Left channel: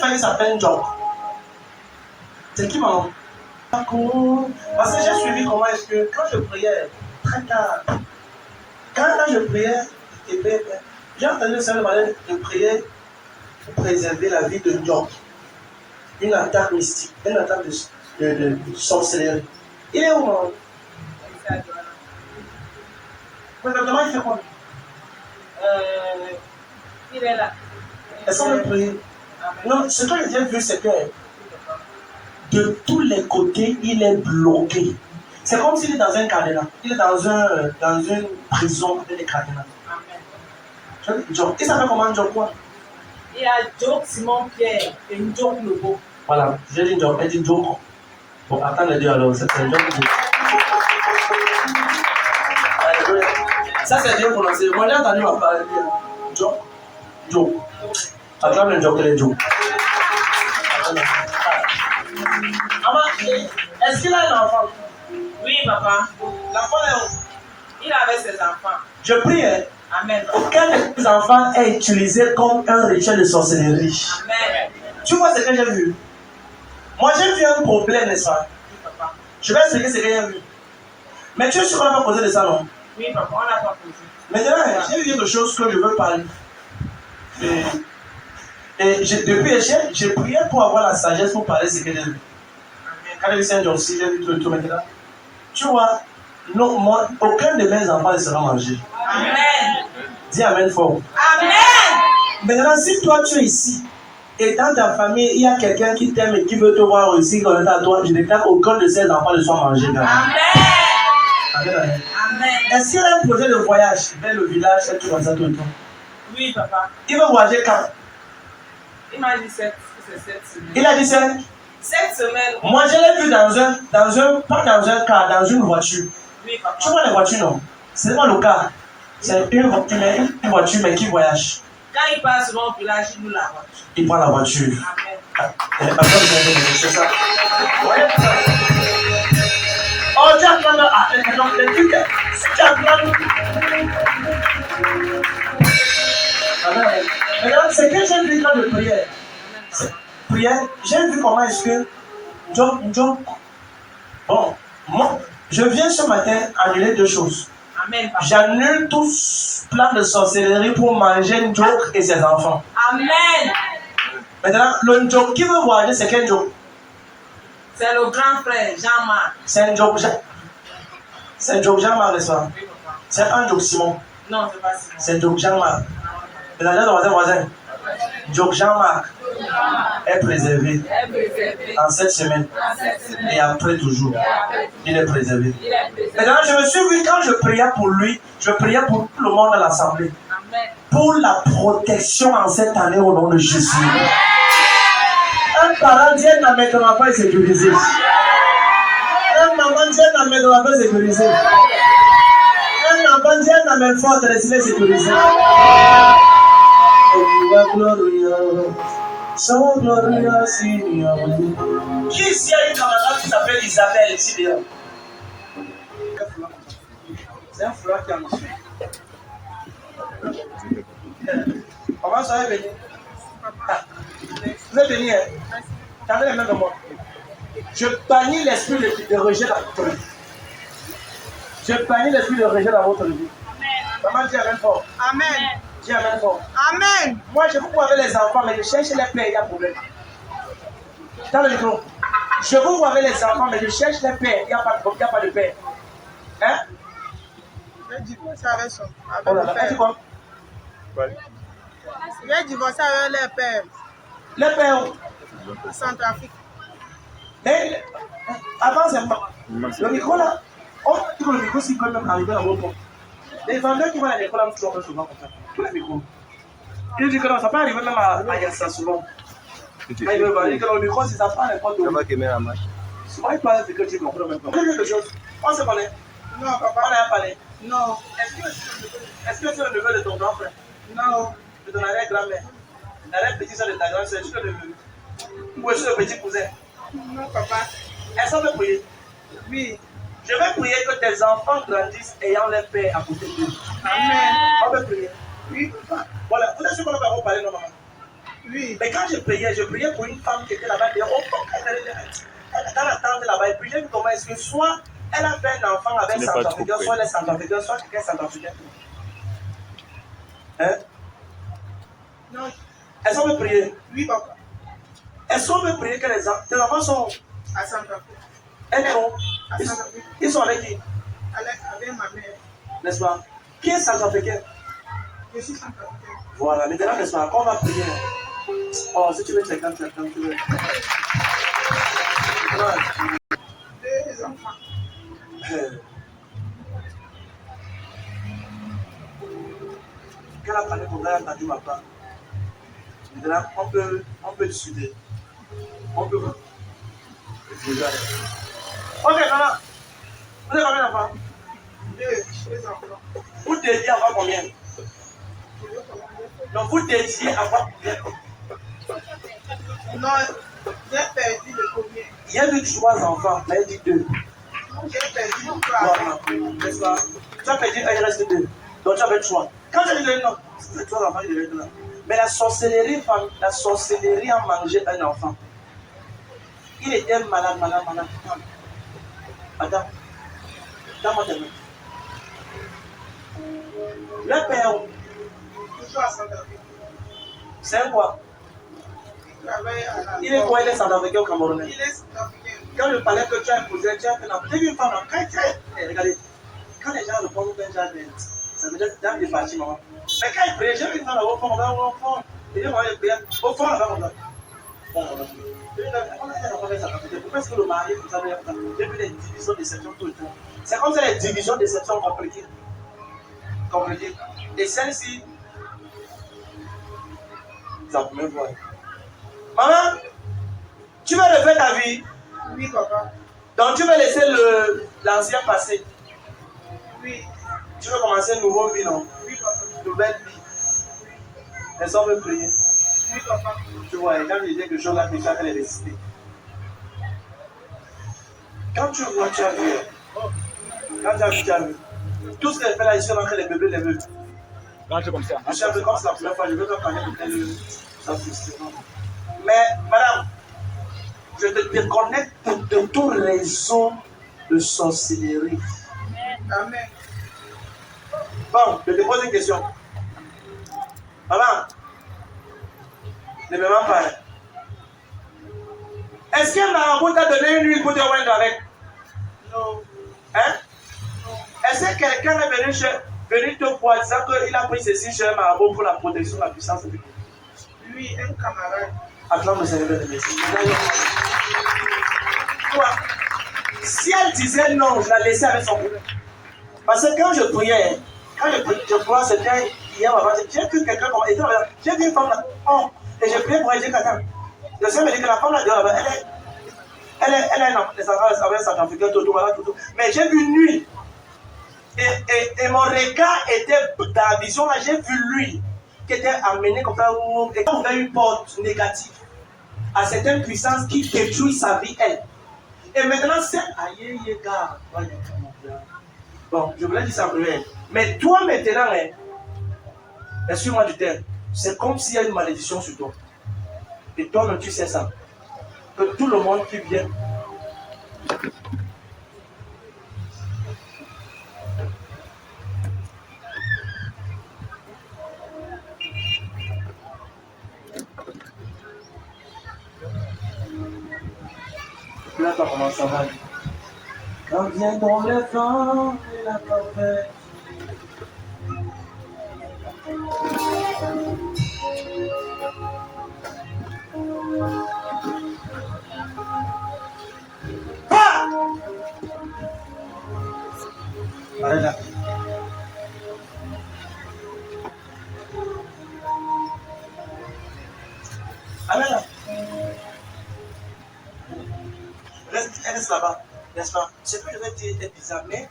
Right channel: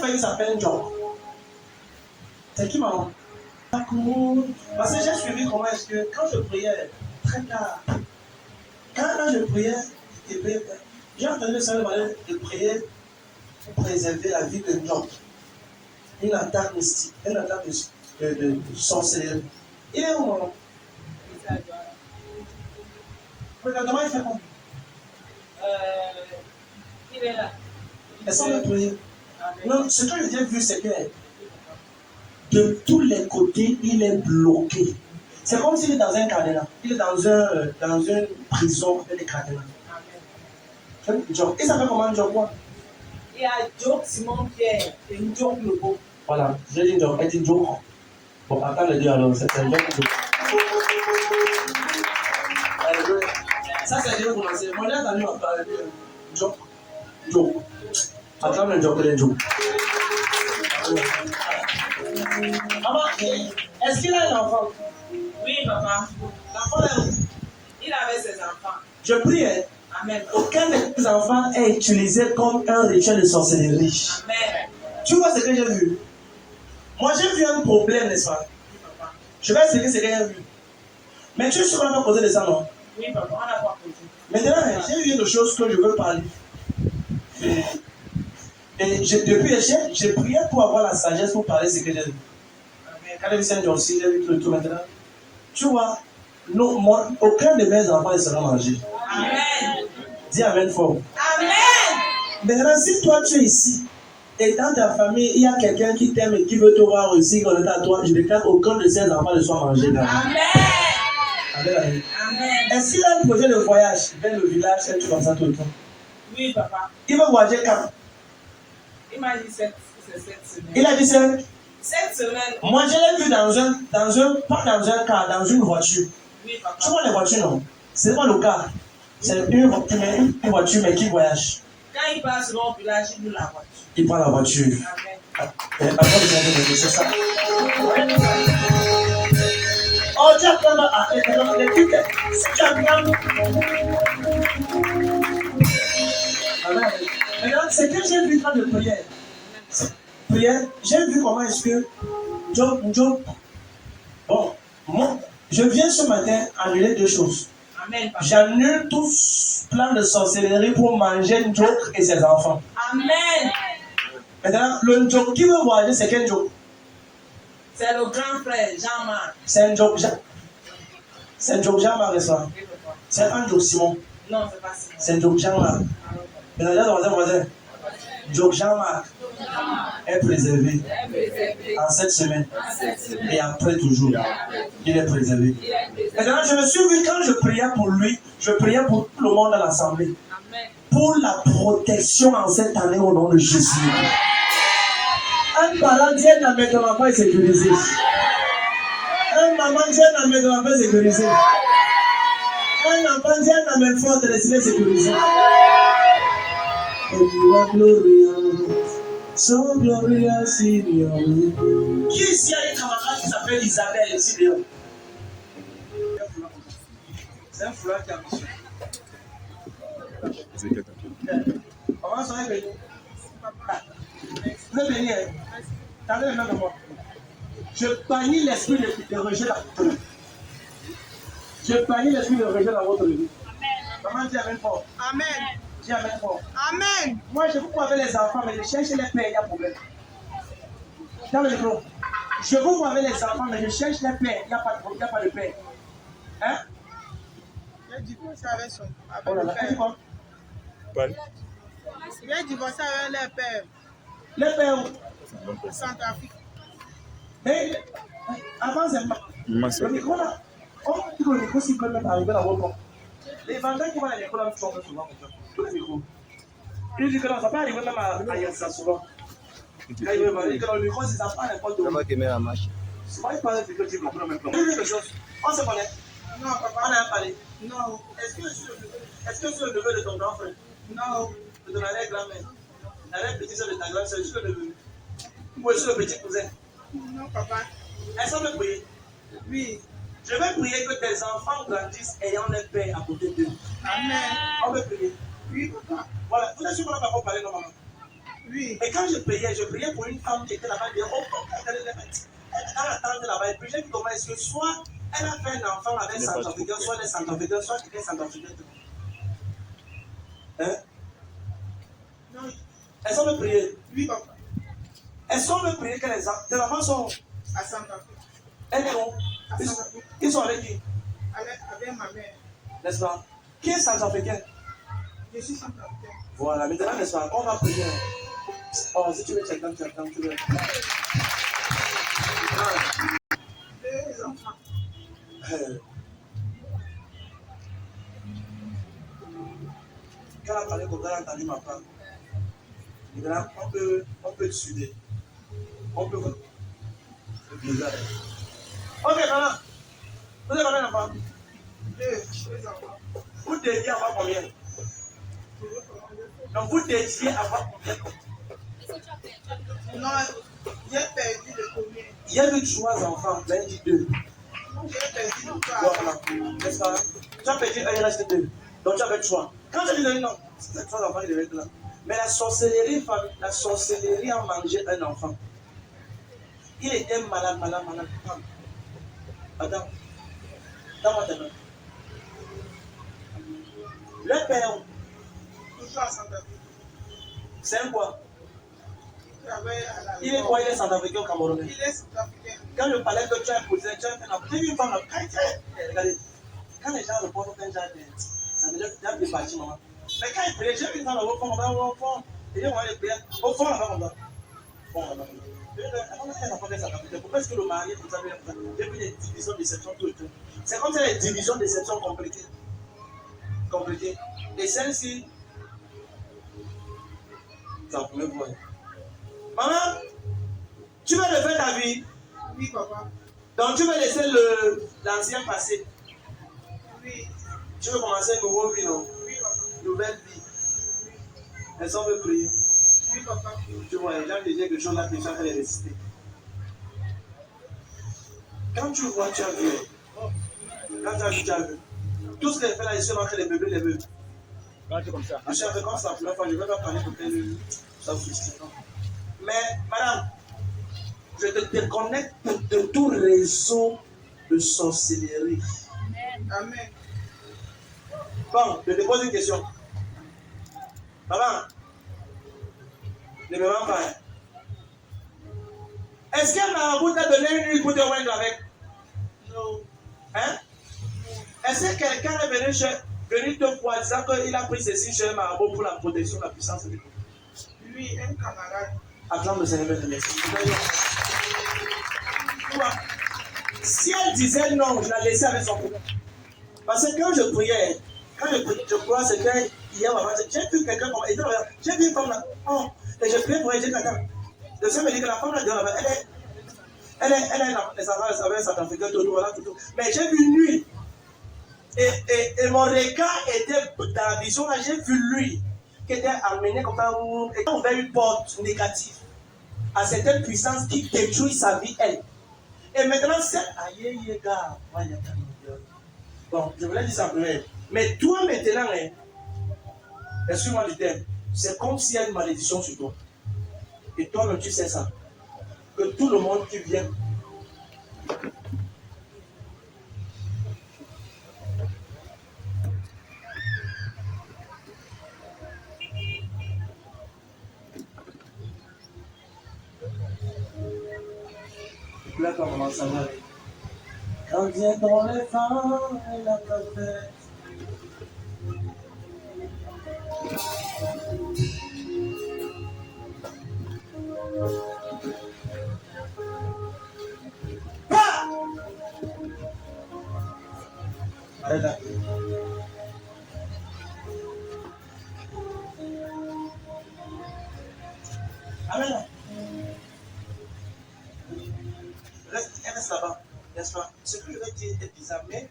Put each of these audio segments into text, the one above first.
famille s'appelle Job. C'est qui maman? Parce que j'ai suivi comment est-ce que quand je priais très tard, quand je priais, j'ai entendu le Seigneur demander de prier pour préserver la vie de Job. Une attaque mystique, une attaque de sorcellerie. Il est où maman? Exactement, il fait quoi? Il est là. Est-ce qu'on peut prier? Non, ce que j'ai vu, c'est que de tous les côtés, il est bloqué. C'est comme s'il est dans un cadenas. Il est dans une prison avec des cadenas. Amen. Job. Il s'appelle comment Job quoi? Il y a Job Simon Pierre et Job Lobo. Voilà, j'ai dit Job, elle dit Job. Bon, attends les deux alors, c'est Job. Ça c'est bien prononcé. Moi j'ai entendu ma parole. Job. Job. Attends le Job, les Job. Maman, est-ce qu'il a un enfant? Oui, papa. L'enfant est où? Il avait ses enfants. Je prie, hein? Amen. Aucun de tes enfants est utilisé comme un rituel de sorcellerie. Amen. Tu vois ce que j'ai vu? Moi j'ai vu un problème, n'est-ce pas? Oui, papa. Je vais expliquer ce que j'ai vu. Mais tu es sûr qu'on n'a pas posé de ça, non? Oui, papa, on n'a pas posé. Maintenant, j'ai vu quelque chose que je veux parler. Et depuis j'ai prié pour avoir la sagesse pour parler de ce que j'ai vu. Quand j'ai vu aussi, j'ai vu tout maintenant. Tu vois, non, moi, aucun de mes enfants ne sera mangé. Amen. Dis Amen fort. Amen. Maintenant, si toi tu es ici, et dans ta famille, il y a quelqu'un qui t'aime et qui veut te voir aussi, qu'on est à toi, je déclare qu'aucun de ces enfants ne soit mangé. Amen. Amen. Amen. Est-ce qu'il y a un projet de voyage vers le village, et tout comme ça, tout et tout? Oui, papa. Il veut voyager quand? Il m'a dit cette semaine. Il a dit ça? Cette semaine. Moi, je l'ai vu pas dans un car, dans une voiture. Oui, papa. Tu vois les voitures, non? C'est pas le car. C'est une voiture, mais qui voyage. Quand il passe dans le village, il nous la voiture. Il prend la voiture. Amen. C'est ça. Oh, tu as entendu les trucs. Si tu as entendu. Maintenant, c'est que j'ai vu dans de prière. Prière, j'ai vu comment est-ce que Job. Bon, moi, je viens ce matin annuler deux choses. Amen, papa. J'annule tout plan de sorcellerie pour manger Job et ses enfants. Amen. Maintenant, le Job qui veut voyager, c'est quel Job? C'est le grand frère Jean-Marc. C'est un Job Jean-Marc, n'est-ce pas? Oui, papa. C'est un Job Simon. Non, c'est pas Simon. C'est Job Jean-Marc. Maintenant, voisin. Job Jean-Marc est préservé en cette semaine. Et après toujours, il est préservé. Maintenant, je me suis vu quand je priais pour lui, je priais pour tout le monde dans l'assemblée. Pour la protection en cette année au nom de Jésus. Un parent dit un amène ton enfant est sécurisé. Un maman dit un amène ton enfant est sécurisé. Un enfant dit un amène fort, il est sécurisé. Oh, you are glorious, so glorious in your way. Qui ici a une camarade qui s'appelle Isabelle ici dehors? C'est un foulard qui a mission. Comment ça va venir? Vous êtes venu, hein? Tendez les mains de moi. Je bannis l'esprit de rejet dans votre vie. Je bannis l'esprit de rejet dans votre vie. Maman dit Amen fort. Amen. Dis Amen fort. Amen. Moi, je vous vois avec les enfants, mais je cherche les pères, il y a problème. Dans le micro. Je vous vois avec les enfants, mais je cherche les pères, il n'y a pas de père. Hein? J'ai divorcé avec son Oh là là, père. quoi? J'ai divorcé avec les pères. Les pères. Centrafrique. Mais, avant, c'est moi. Le micro là, on dit que le micro, c'est quand même arrivé à votre. Les vendeurs qui vont à l'école, on trouve souvent comme ça. Tous les micros. Il dit que non, ça peut arriver même à Yassa souvent. Il dit que le micro, c'est ça, pas n'importe où. Souvent, il parle de que tu comprends même pas. Quelque chose. On se connaît. Non, papa. On a parlé. Non. Est-ce que c'est le neveu de ton grand frère? Non. De ton arrière-grand-mère? L'arrière-petit-soeur de ta grand-sœur, est-ce que le neveu? Ou est-ce que le petit cousin? Non, papa. Est-ce qu'on peut prier? Oui. Je vais prier que tes enfants grandissent ayant leur père à côté d'eux. Amen. On peut prier. Oui, papa. Voilà. Vous êtes sûr qu'on va pas parler normalement? Oui. Mais quand je priais pour une femme qui était là-bas, dans la tente là-bas, et puis j'ai vu comment est-ce que soit elle a fait un enfant avec Centrafricain, soit elle est Centrafricaine, soit quelqu'un est Centrafricain. Hein? Non. Est-ce qu'on peut prier? Oui, papa. Est-ce qu'on peut prier que tes enfants sont À Centrafrique. elles sont À Centrafrique. ils sont avec qui? Avec ma mère. N'est-ce pas? Qui est Centrafricain? Je suis Centrafricain. Voilà, maintenant, n'est-ce pas? Quand on va prier. Oh, si tu veux, tu es calme, tu veux. Deux enfants. Quand elle a parlé comme ça, elle a entendu ma part. Maintenant, on peut discuter. On peut. Ok, maintenant, vous avez combien d'enfants? Deux enfants. Vous dédiez à voir combien? Donc, vous dédiez à voir combien? Non, j'ai perdu le premier. Il y a eu 3 enfants, mais elle dit 2. J'ai perdu le Voilà, trois. n'est-ce pas? Tu as perdu 1, il reste 2. Donc, tu as fait 3. Quand tu dis non, c'est 3 enfants qui devaient être là. Mais la sorcellerie a mangé un enfant. Il était malade. Attends, donne-moi tes mains. Le père, Toujours à Centrafrique. c'est quoi? Il est quoi? Il est Centrafricain ou Camerounais? Il est Centrafricain. Quand je parlais que tu as épousé, tu as fait un enfant. J'ai vu une femme, regardez, quand les gens répondent au jardin, ça veut dire que tu as des parties, maman. Mais quand il priait, j'ai vu une femme au fond, et j'ai prié au fond, là, comme ça. Bon, pourquoi est-ce que le mari, vous savez, j'ai vu les divisions de section tout le temps. C'est comme ça les divisions de section compliquées. Et celle-ci, c'est la première fois. Maman, tu veux refaire ta vie? Oui, papa. Donc tu veux laisser l'ancien passé. Oui. Tu veux commencer une nouvelle vie, non? Oui, papa. Nouvelle vie. Est-ce qu'on veut prier? Oui, papa. Tu vois, les gens disent quelque chose là, tu vas les résister. Quand tu vois, tu as vu. Quand tu as vu, tu as vu. Tout ce qu'elle fait là, ici, on a les bébés, les bébés. Rentre comme ça. Je suis un peu comme ça la première fois, je ne veux pas parler de tel. Ça frustrant. Mais, madame, je te déconnecte de tout réseau de sorcellerie. Amen. Bon, je te pose une question. Maman, ne me mens pas. Est-ce qu'un marabout t'a donné une huile pour te oindre avec? Non. Hein? Non. Est-ce que quelqu'un est venu te voir disant qu'il a pris ceci chez un marabout pour la protection, la puissance du Dieu? Lui, un camarade. Acclame le Seigneur de merci. Si elle disait non, je la laissais avec son problème. Parce que quand je priais, je crois c'était hier avant, j'ai vu quelqu'un comme j'ai vu une femme là, oh, et j'ai prié pour elle, j'ai dit attends. Le Seigneur me dit que la femme là dehors là-bas, elle est un Centrafricain, tout, voilà, tout. Mais j'ai vu nuit. Et mon regard était dans la vision là, j'ai vu lui qui était amené comme ça, et quand on ouvert une porte négative à certaines puissances qui détruisent sa vie, elle. Et maintenant, c'est aïe, gars. Bon, je voulais dire ça en prière. Mais toi, maintenant, excuse-moi du terme, c'est comme s'il y a une malédiction sur toi. Et toi-même, tu sais ça. Que tout le monde qui vient. Là, comment ça va aller? Quand viendront les vents et la tempête. Ah! Arrête là. Arrête là. Reste là-bas, n'est-ce pas? Ce que je vais dire est bizarre, mais.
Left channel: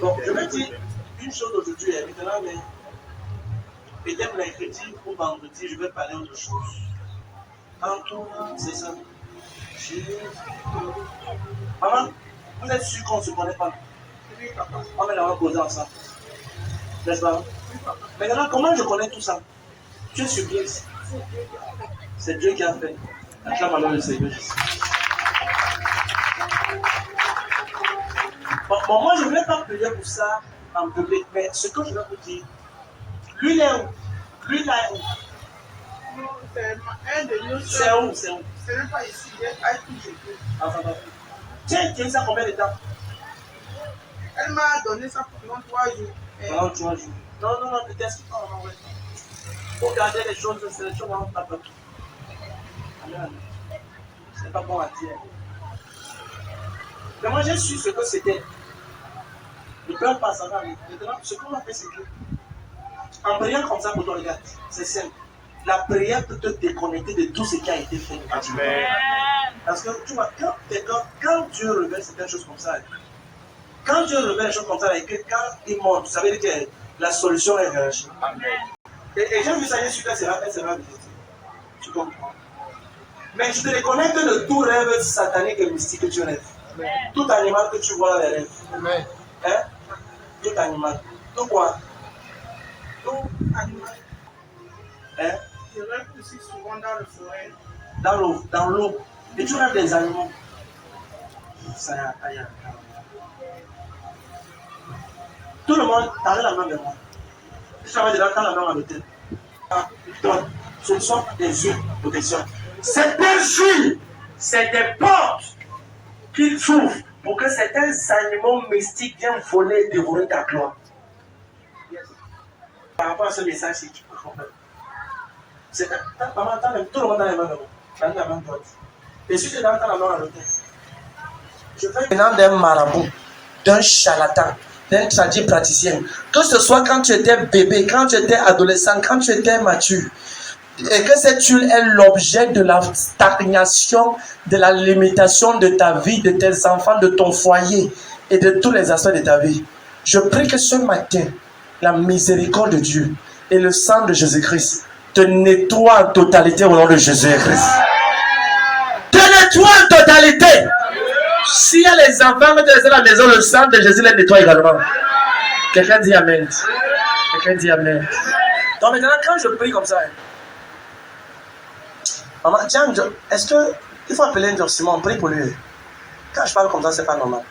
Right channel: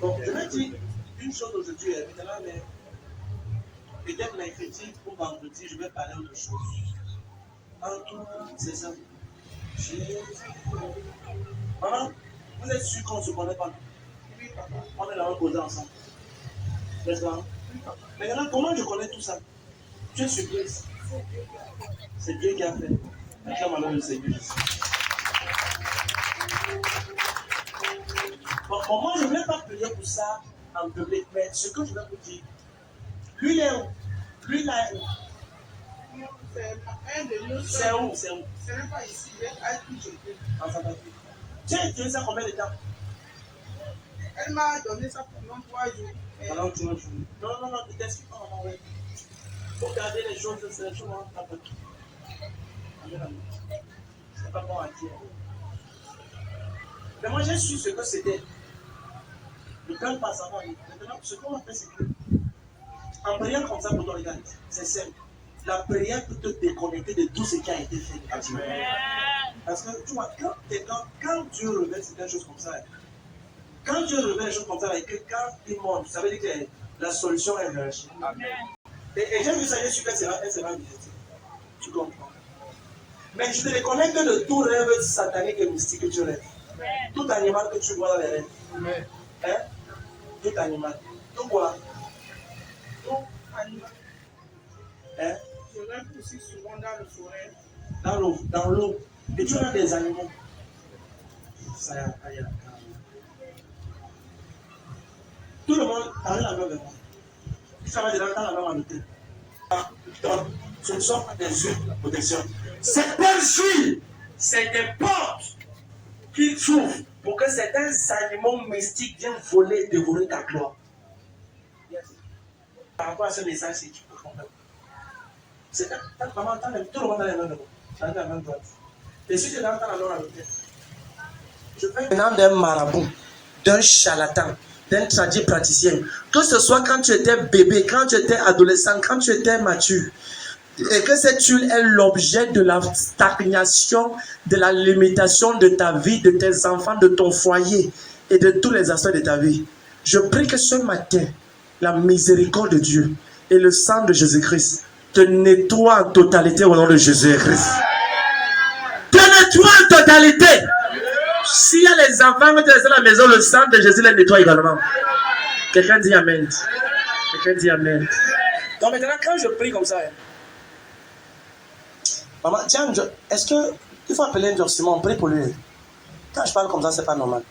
Donc, je vais dire une chose aujourd'hui, maintenant, mais. Peut-être mercredi ou vendredi, je vais parler autre chose. En tout, c'est ça. Maman, vous êtes sûr qu'on ne se connaît pas? Oui, papa. On est là, on va poser ensemble. N'est-ce pas? Oui, papa. Maintenant, comment je connais tout ça? Tu es surprise. C'est Dieu qui a fait. Acclame alors le Seigneur Jésus. Bon, moi, je ne vais pas prier pour ça en public, mais ce que je vais vous dire, lui, il est où? Lui, là, est où? Non, c'est un de nous. C'est où? C'est où? Ce n'est pas ici, il est à tout jeter. Tu as utilisé ça combien de temps? Elle m'a donné ça pendant 3 jours. Pendant 3 jours. Non, ne t'excuse pas, non, ouais. Faut garder les choses, c'est les choses dans ta tête. Amen. C'est pas bon à dire. Mais moi, j'ai su ce que c'était. Le cœur passe avant. Maintenant, ce qu'on a fait, c'est que, en priant comme ça pour toi, regarde, c'est simple. La prière peut te déconnecter de tout ce qui a été fait. Amen. Parce que tu vois, quand Dieu révèle certaines choses comme ça, quand Dieu révèle des choses comme ça, et que quand il monte, ça veut dire que la solution est réagie. Et j'ai vu ça, j'ai su qu'elle sera vite. Tu comprends? Mais je te déconnecte de tout rêve satanique et mystique que tu rêves. Tout animal que tu vois dans les rêves. Amen. Hein? Tout animal. Tout quoi? Tout animal. Hein? Je rêve aussi souvent dans le forêt. Dans l'eau. Et tu rêves des animaux. Ça y a. Tout le monde, tendez la main vers moi. Je travaille dedans, dans la main à l'hôtel. Donc, ce ne sont pas des huiles de protection. C'est des huiles, c'est des portes qu'il s'ouvre pour que certains animaux mystiques viennent voler et dévorer ta gloire. Yes. Par rapport à ce message, si tu peux comprendre. C'est tout le monde dans les mains de moi. Dans la main droite. Et si tu es dans la main à l'hôtel, je fais maintenant d'un marabout, d'un charlatan, d'un tradit praticien. Que ce soit quand tu étais bébé, quand tu étais adolescent, quand tu étais mature. Et que cette huile est l'objet de la stagnation, de la limitation de ta vie, de tes enfants, de ton foyer et de tous les aspects de ta vie. Je prie que ce matin, la miséricorde de Dieu et le sang de Jésus-Christ te nettoient en totalité au nom de Jésus-Christ. Te nettoient en totalité. S'il y a les enfants qui restent à la maison, le sang de Jésus les nettoie également. Quelqu'un dit Amen. Quelqu'un dit Amen. Donc maintenant, quand je prie comme ça, maman, tiens, est-ce qu'il faut appeler un Simon, on prie pour lui. Quand je parle comme ça, c'est pas normal.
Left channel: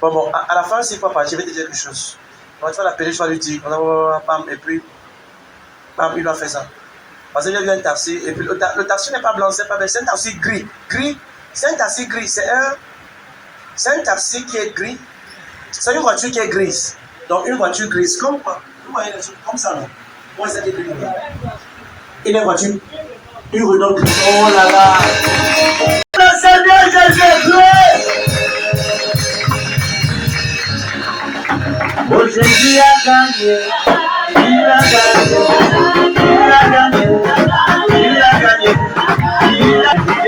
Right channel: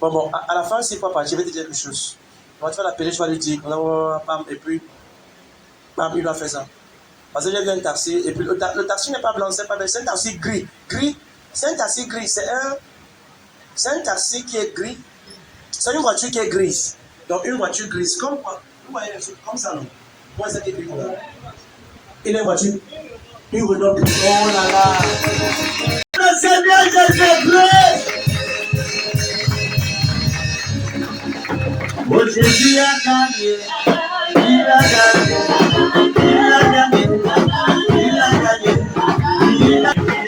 Bon, à la fin, s'il faut partir, je vais te dire quelque chose. Moi, tu vas l'appeler, je vais lui dire, et puis, bam, il va faire ça. Parce que j'ai vu un taxi, et puis le taxi n'est pas blanc, c'est pas blanc, c'est un taxi gris. C'est un taxi gris, c'est un taxi qui est gris. C'est une voiture qui est grise. Donc, une voiture grise, comme quoi? Vous voyez les choses comme ça, non? Moi, c'est gris. Il est une voiture. Une Renault grise. Oh là là! Le Seigneur Jésus-Christ! Oh, Jésus a gagné. Il a gagné. Il a gagné. Il a gagné. Il a gagné.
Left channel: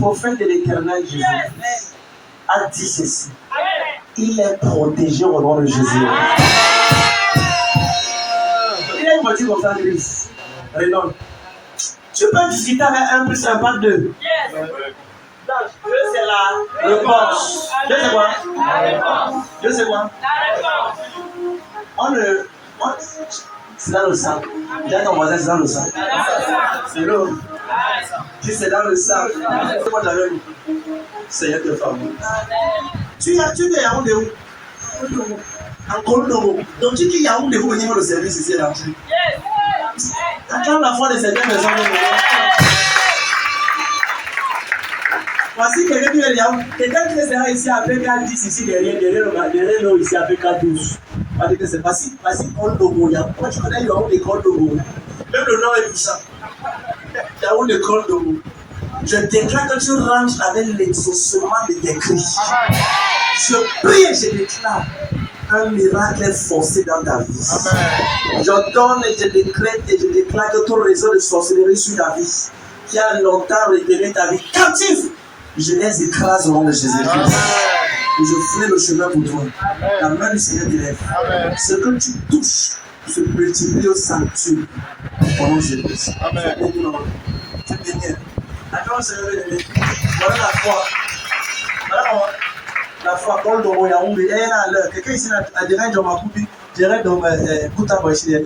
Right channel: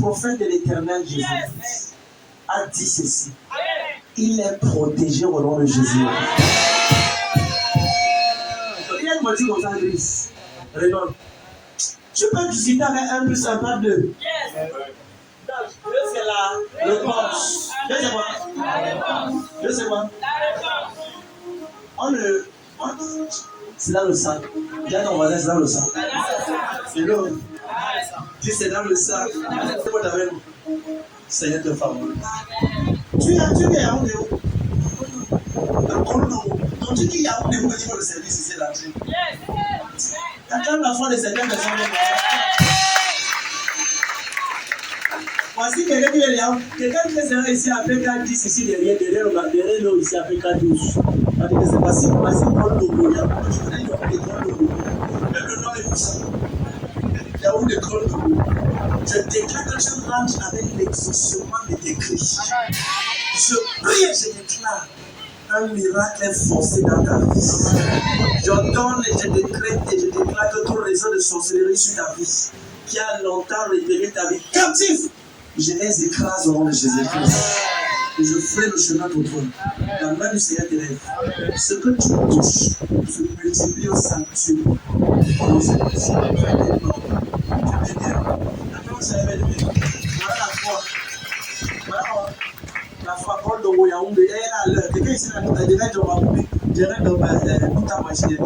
Prophète de l'Éternel Jésus a dit ceci. Il est protégé au nom de Jésus. Il a une voiture comme ça grise. Renault. Tu peux discuter avec 1 plus 1 par 2. Deux, c'est la réponse. Deux, c'est quoi? La réponse. Deux, c'est quoi? La réponse. C'est dans le sang. Dis à ton voisin, c'est dans le sang. C'est l'eau. Si c'est dans le sang, c'est quoi t'avais vu? Seigneur te favorise. Tu es Yaoundé où? Dans Kondo. Donc tu dis Yaoundé où venir le service ici là. T'acclames la foi de certaines personnes. Voici quelqu'un qui est là. Quelqu'un qui sera ici avec K10 ici derrière nous ici avec K12. Voici Col Dogo. Moi, je connais Yaoundé Col Dogo. Même le nom est puissant. Yaoundé Col Dogo. Je déclare que tu rentres avec l'exaucement de tes cris. Je prie et je déclare un miracle forcé dans ta vie. Amen. Je donne et je décrète et je déclare que ton réseau de sorcellerie sur ta vie, qui a longtemps retenu ta vie captive, je les écrase au nom de Jésus-Christ. Et je ferai le chemin pour toi. Amen. La main du Seigneur t'élève. Ce que tu touches se multiplie au sanctuaire. Au nom de Jésus-Christ. Tu peux dire. Attends, Seigneur, voilà la foi. Voilà comment. La foi, Paul de Yaoundé, elle est à l'heure. Quelqu'un ici, tu as déjà dit, je dirais dans ma Kouta Boichi.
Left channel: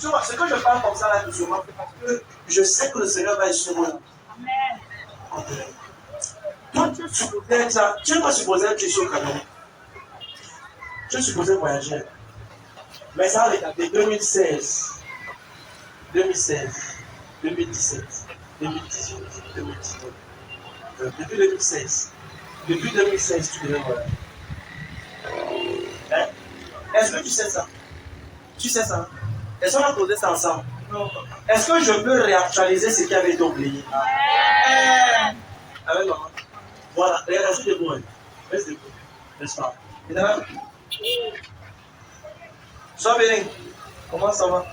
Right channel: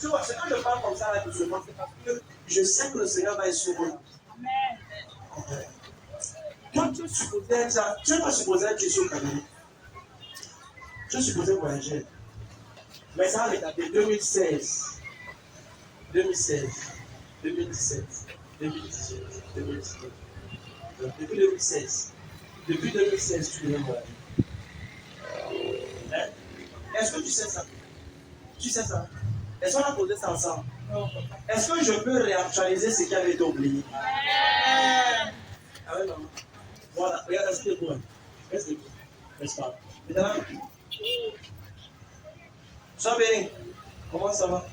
Tu vois, ce que je parle comme ça là, doucement, c'est parce que je sais que le Seigneur va être sur moi. Amen. Toi, tu es pas supposé être ici au Cameroun. Tu es supposé voyager. Mais ça, de 2016, 2017, 2018, 2019. Depuis 2016. Depuis 2016, tu devais voyager. Hein? Est-ce que tu sais ça? Tu sais ça? Est-ce qu'on a posé ça ensemble? Non. Est-ce que je peux réactualiser ce qui avait été oublié? Avec maman. Voilà, restez debout. Restez debout. N'est-ce pas? Maintenant, sois béni. Comment ça va?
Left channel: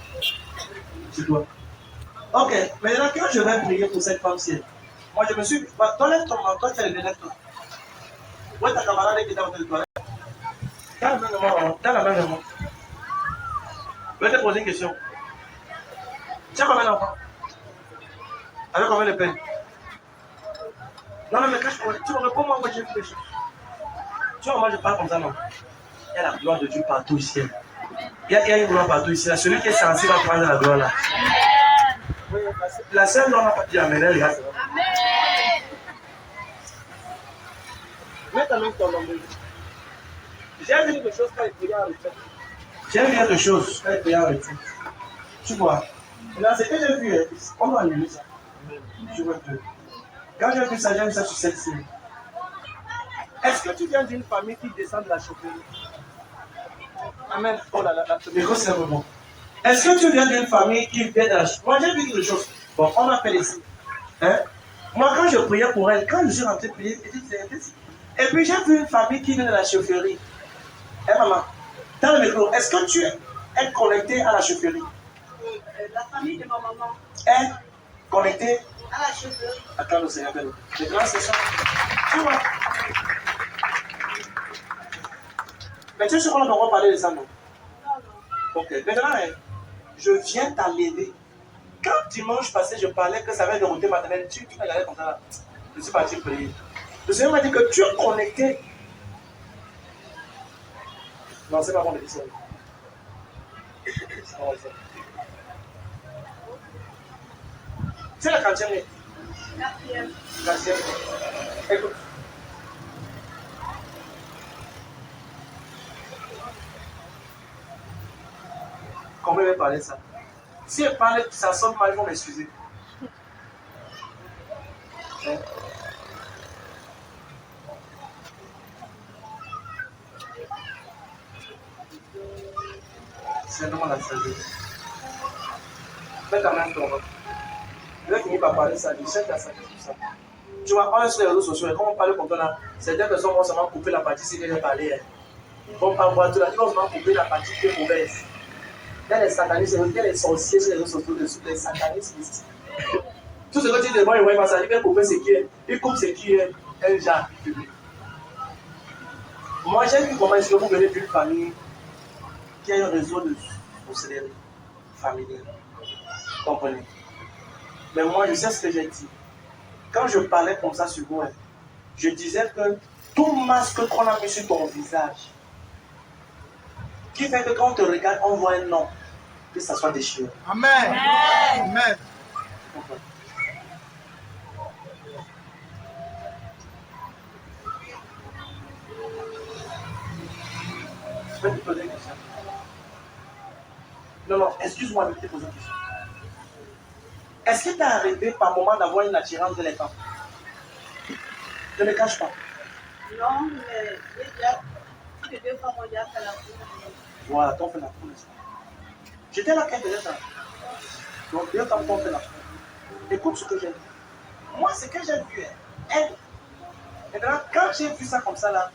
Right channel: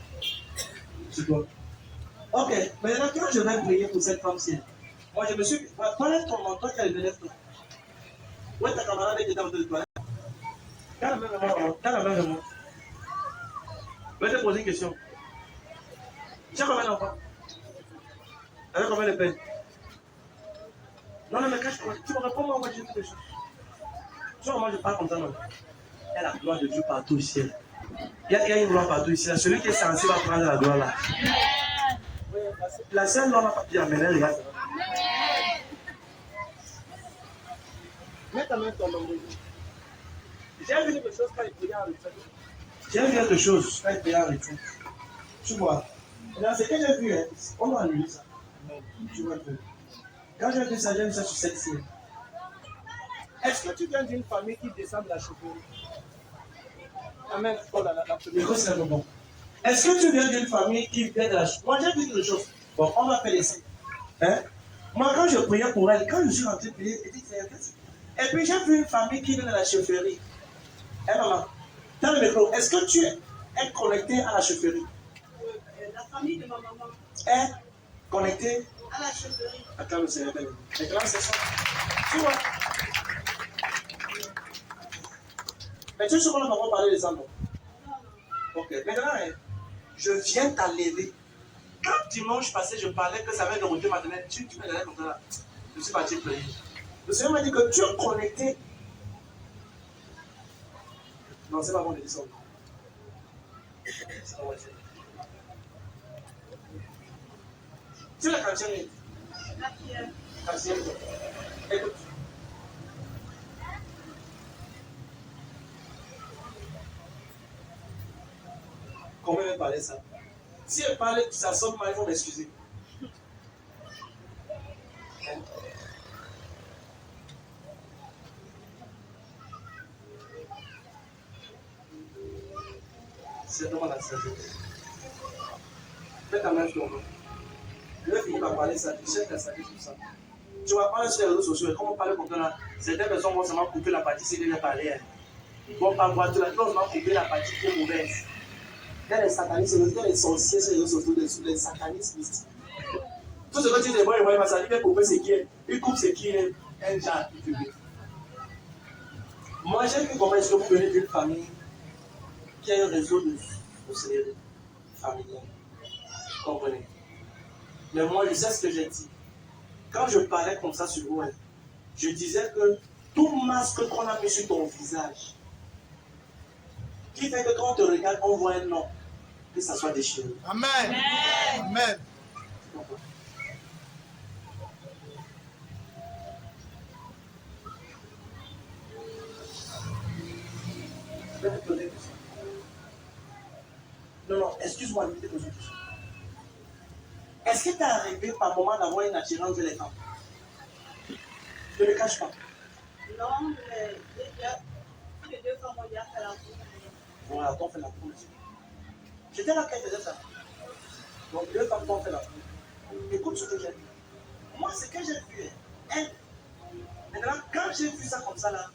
C'est quoi? Ok, maintenant, quand je vais prier pour cette femme-ci, moi je me suis. Toi, lève ton main, toi, tu es le lève-toi. Où est ta camarade qui est dans le toilette? Dans la main de moi. Je vais te poser une question. Tu as combien d'enfants? Avec combien de peine? Non, mais cache-moi. Tu me réponds, moi, j'ai vu des choses. Tu vois, moi, je parle comme ça, non? Il y a la gloire de Dieu partout ici. Il y a une gloire partout ici. Celui qui est censé va prendre la gloire là. La seule, on n'a pas dit amen, regarde. Mets ta main sur l'ombre. J'ai vu quelque chose quand il priait en retraite. J'ai vu quelque chose quand il priait en retraite. Tu vois. Maintenant, ce que j'ai vu, on doit annuler ça. Tu vois que. Quand j'ai vu ça, j'ai vu ça sur cette scène. Est-ce que tu viens d'une famille qui descend de la chaufferie? Amen. Oh là là, mais c'est un moment. Est-ce que tu viens d'une famille qui vient de la chaufferie? Moi, j'ai vu quelque chose. Bon, on m'a fait les signes. Hein? Moi, quand je priais pour elle, quand je suis rentré prier, et puis j'ai vu une famille qui vient de la chaufferie. Hé maman, dans le micro, est-ce que tu es connecté à la chaufferie? La famille de ma maman est connectée à la chaufferie. Attends, le Seigneur. Maintenant, c'est ça. Tu vois? Mais tu sais qu'on va parler de ça, non? Non. Ok. Maintenant, je viens t'enlever. Quand dimanche passé, je parlais que ça va être le route maternelle, tu m'as regardé comme ça là. Je suis parti prier. Le Seigneur m'a dit que tu es connecté. Non, c'est pas bon de dire ça. C'est pas bon de dire ça. C'est la quatrième. Quatrième. Écoute. Combien va parler ça? Si elle parle, ça sonne mal, ils vont m'excuser. Hein? C'est vraiment la sagesse. Mets ta main sur moi. Je vais finir par parler ça. Je sais que la sagesse tout ça. Tu vois, on est sur les réseaux sociaux et quand on parle comme ça là, certaines personnes vont seulement couper la partie si elles parlent. Ils vont pas voir tout là, ils vont seulement couper la partie qui est mauvaise. Il y a les satanistes, il y a les sorciers sur les réseaux sociaux, les satanistes mystiques. Tout ce que tu dis, bon, ils vont ça, ils vont couper ce qui est, ils coupent ce qui est un genre public. Moi, j'ai vu comment est-ce que vous venez d'une famille qui a un réseau de sorcellerie familiale. Comprenez? Mais moi, je sais ce que j'ai dit. Quand je parlais comme ça sur vous, je disais que tout masque qu'on a mis sur ton visage, qui fait que quand on te regarde, on voit un nom, que ça soit déchiré. Amen. Amen. Je vais te poser une question. Non, excuse-moi de te poser une question. Est-ce que tu es arrivé par moment d'avoir une attirance de les femmes? Ne le cache pas. Non, mais les deux femmes ont déjà fait la cour. Voilà, t'en fais la cour. J'étais là quand elle faisait ça. Donc, 2 femmes t'ont fait la cour. Écoute ce que j'ai vu. Moi, ce que j'ai vu, elle. Maintenant, quand j'ai vu ça comme ça, là,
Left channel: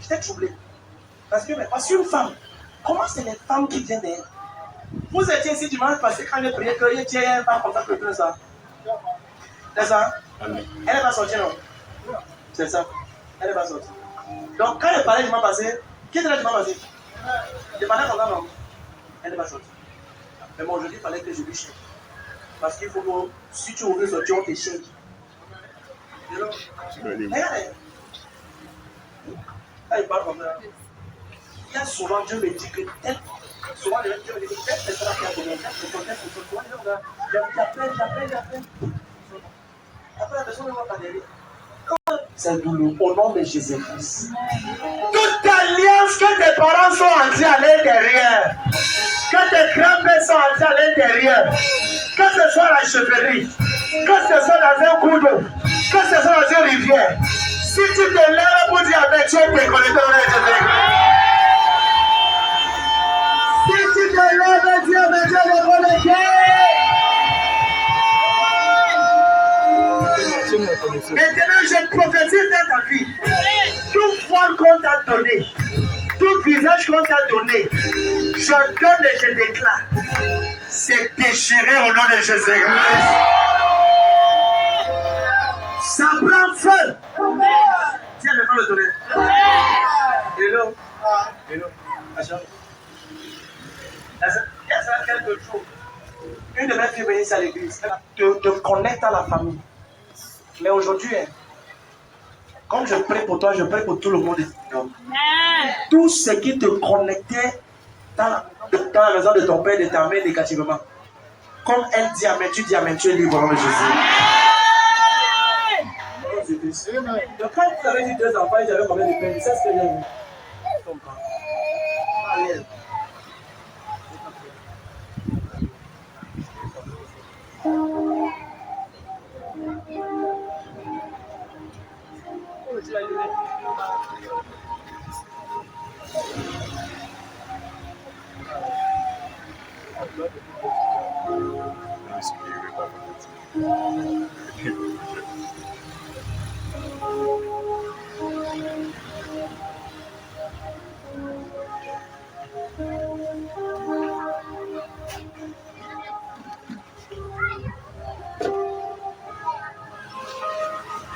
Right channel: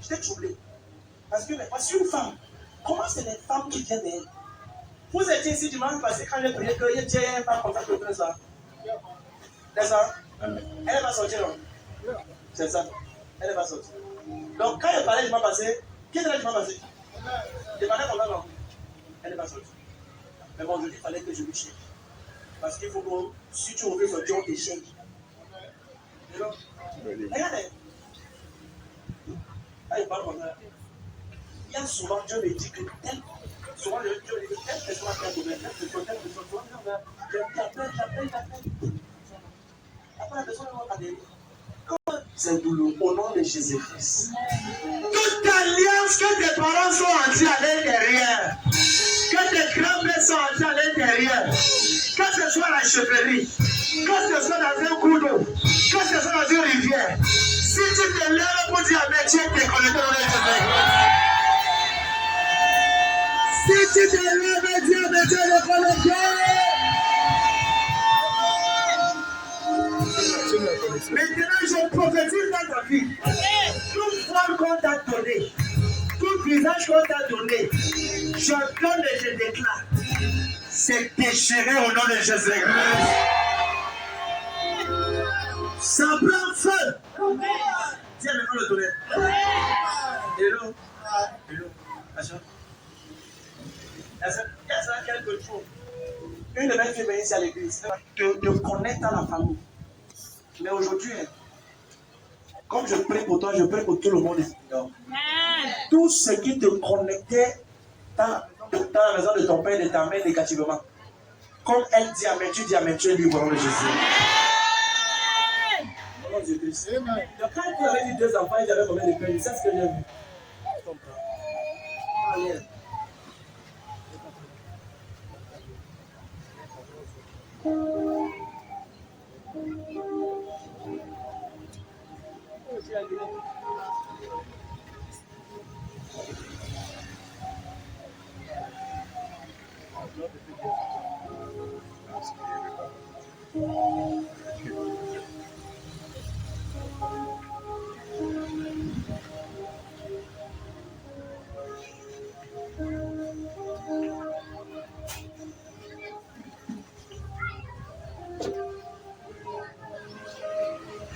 j'étais troublé. Parce que une femme, comment c'est les femmes qui viennent d'elle? Vous étiez ici dimanche passé quand elle priait qu'il y ait un femme comme ça que tout ça. C'est ça? Amen. Elle n'est pas sortie, non? C'est ça. Elle n'est pas sortie. Donc, quand elle parlait dimanche passé, qui était là dimanche passé? Elle parlait comme ça, non? Elle n'est pas sortie. Mais moi, aujourd'hui, il fallait que je lui change. Parce qu'il faut que, si tu ouvres sortir, on te change. Regardez. Elle parle comme ça. Il y a souvent, Dieu me dit que tel. Souvent, Dieu me dit que telle personne a fait un domaine. J'appelle. Après, la personne ne va pas derrière. C'est douloureux. Au nom de Jésus-Christ. Toute alliance que tes parents sont entrés à l'intérieur, que tes grands-pères sont entrés à l'intérieur, que ce soit la chevalerie, que ce soit dans un cours d'eau, que ce soit dans une rivière, si tu te lèves pour dire Amen, tu es déconnecté au nom de Jésus-Christ. Si tu te lèves et dis Amen, tu es déconnecté. Maintenant, je prophétise dans ta vie. Tout voile qu'on t'a donné, tout visage qu'on t'a donné, je donne et je déclare. C'est déchiré au nom de Jésus-Christ. Ça prend feu. Tiens, maintenant le donner. Hello. Hello. Attention. Il y a ça quelque chose. Une de mes filles venait ici à l'église. Elle te connecte à la famille. Mais aujourd'hui, comme je prie pour toi, je prie pour tout le monde. Tout ce qui te connectait dans la maison de ton père, de ta mère négativement. Comme elle dit Amen, tu dis Amen, tu es libre au nom de Jésus. Donc quand tu avais eu 2 enfants, j'avais combien de peine? C'est ce que j'ai vu. Allez.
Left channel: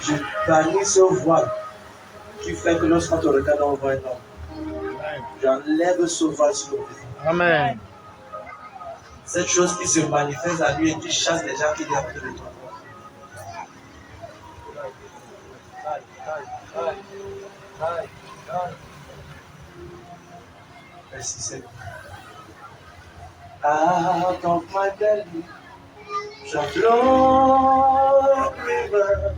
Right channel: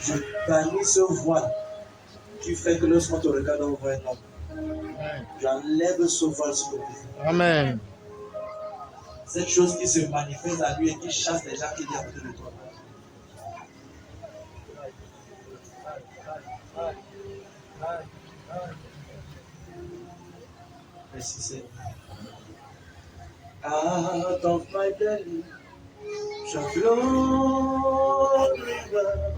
Je bannis ce voile qui fait que lorsqu'on te regarde, on voit un homme. J'enlève ce voile sur le visage. Amen. Cette chose qui se manifeste à lui et qui chasse les gens qui viennent à côté de toi. Merci Seigneur. Out of my belly shall flow river.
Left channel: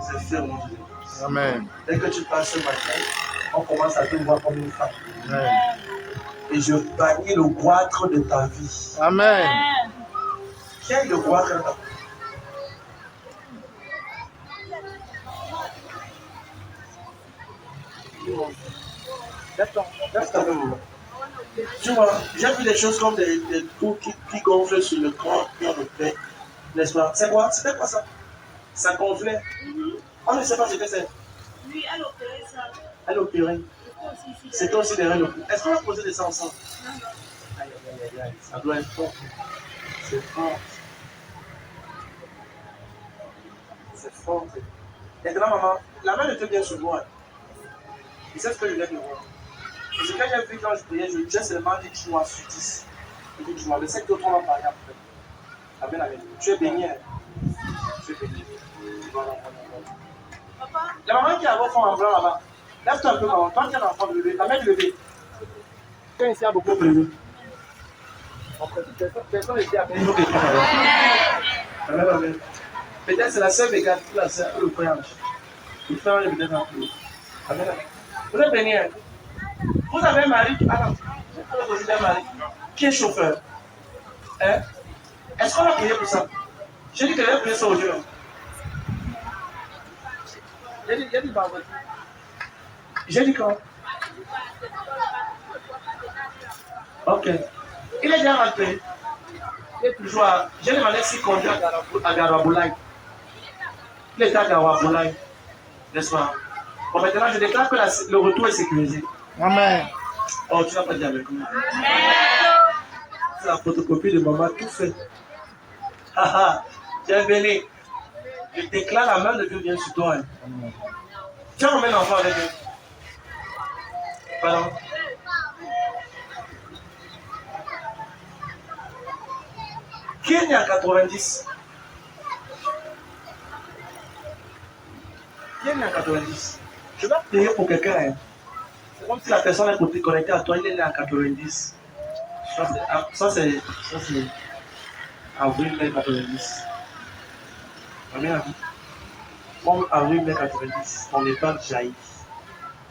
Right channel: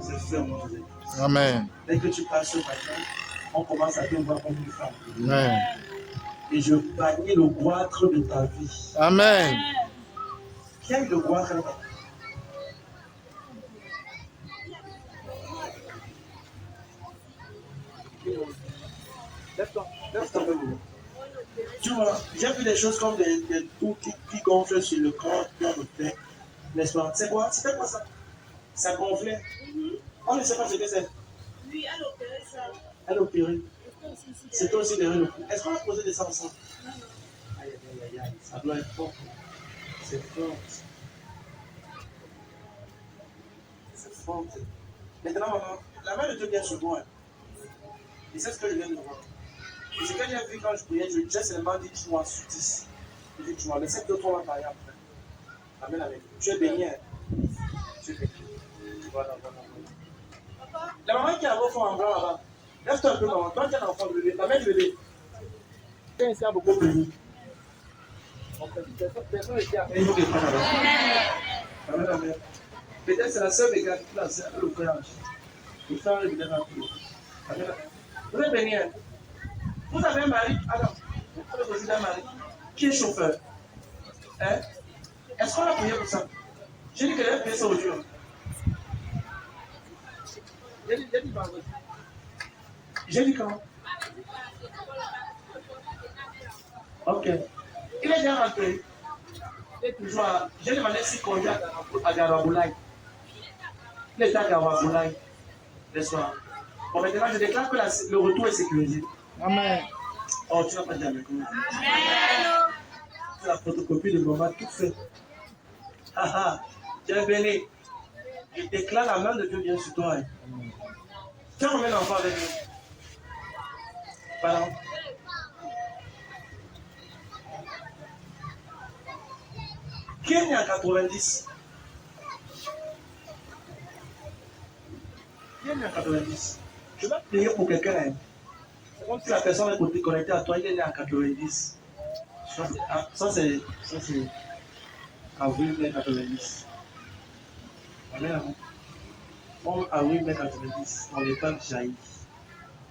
C'est ferme, Jésus. Amen. Dès que tu passes ce matin, on commence à te voir comme une femme. Amen. Et je bannis le goitre de ta vie. Amen. Qui a eu le goitre dans ta vie? Lève-toi. Tu vois, j'ai vu des choses comme des trous qui gonflent sur le corps, sur le pec. N'est-ce pas? C'est quoi? C'était quoi ça? Ça gonflait. On ne sait pas ce que c'est. Oui, elle opérait ça. Elle opérait. C'était aussi des règles. Est-ce qu'on va poser des ça ensemble? Aïe, aïe, aïe, aïe. Ça doit être fort. C'est fort. C'est fort. Maintenant, maman, la main était bien sur moi. Et c'est ce que je viens de voir. Et ce que j'ai vu quand je priais, j'ai seulement dit tu m'as sur 10. Et puis tu m'as laissé que toi, on va parler après. Amen, amen. Tu es béni. Tu es béni. Voilà. La maman qui a vos fonds en blanc là-bas, lève-toi un peu, maman. Toi qui as l'enfant de bébé, la mère du bébé. Quand il y a beaucoup privé. Personne n'était appelé. Il faut que quelqu'un amen, amen. Peut-être c'est la sœur végane qui la sœur, le frère. Le frère est peut-être un peu. Amen, amen. Vous êtes béni. Vous avez un mari. Ah non, vous avez un mari. Qui est chauffeur? Hein? Est-ce qu'on a prié pour ça? J'ai dit que j'avais prié ça aujourd'hui. J'ai dit vendredi. J'ai dit quoi? Ok. Il est déjà rentré. Il est toujours à... J'ai demandé s'il conduit à Garaboulaye. Il est à Garaboulaye. N'est-ce pas? Bon, maintenant, je déclare que le retour est sécurisé. Amen. Oh, tu n'as pas dit avec nous. C'est la photocopie de maman, tout fait. Haha, tu es béni. Je déclare la main de Dieu vient sur toi. Hein. Tu as combien d'enfants avec eux? Pardon? Qui est né en 90? Qui est né en 90? Je vais prier pour quelqu'un. Hein. C'est comme si la personne est connectée à toi, il est né en 90. Ça c'est avril, mai 90. Amen, amen. Comme avril, mai 90, ton épargne jaillit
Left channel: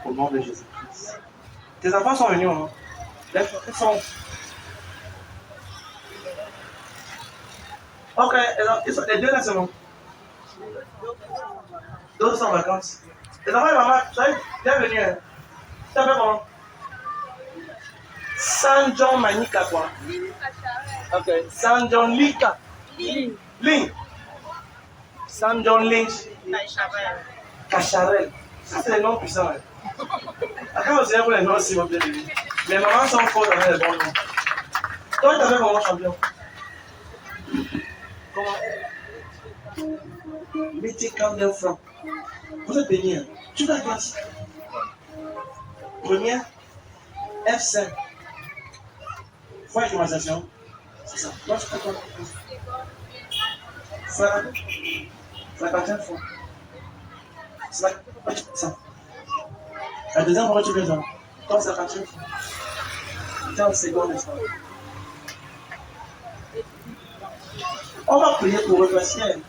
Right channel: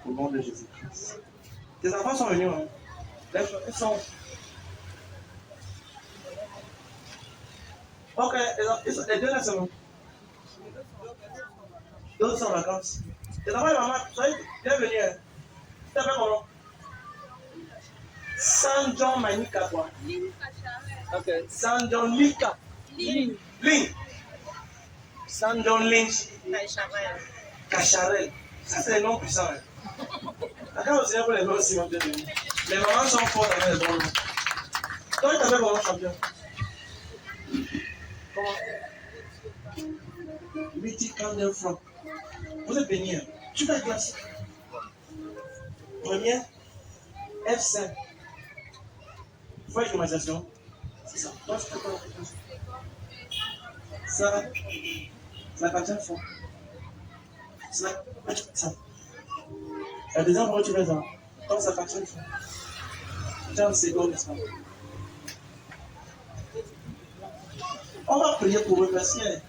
au nom de Jésus-Christ. Tes enfants sont venus, hein? Ils sont. Ok, les deux là, c'est bon. D'autres sont en vacances. Les enfants et maman, soyez bienvenus. Hein? Tu t'appelles comment? San John Manika quoi? Ok, San John Lika. Link. San John Lynch. Cacharel. Ça, c'est les noms puissants. Hein. Après, on sait pour les noms aussi, vous plaît. Les mamans sont fortes avec les bons noms. Toi, tu t'appelles comment, champion? Comment? Mettez quand même franc. Vous êtes béni. Hein? Tu fais la classe. Première, F5. Fois climatisation. C'est ça. Toi, tu fais quoi? Ça. C'est la quatrième fois. C'est ça. La deuxième fois, tu fais ça. Toi, c'est la quatrième fois. 15 secondes, n'est-ce pas? On va prier pour eux parce que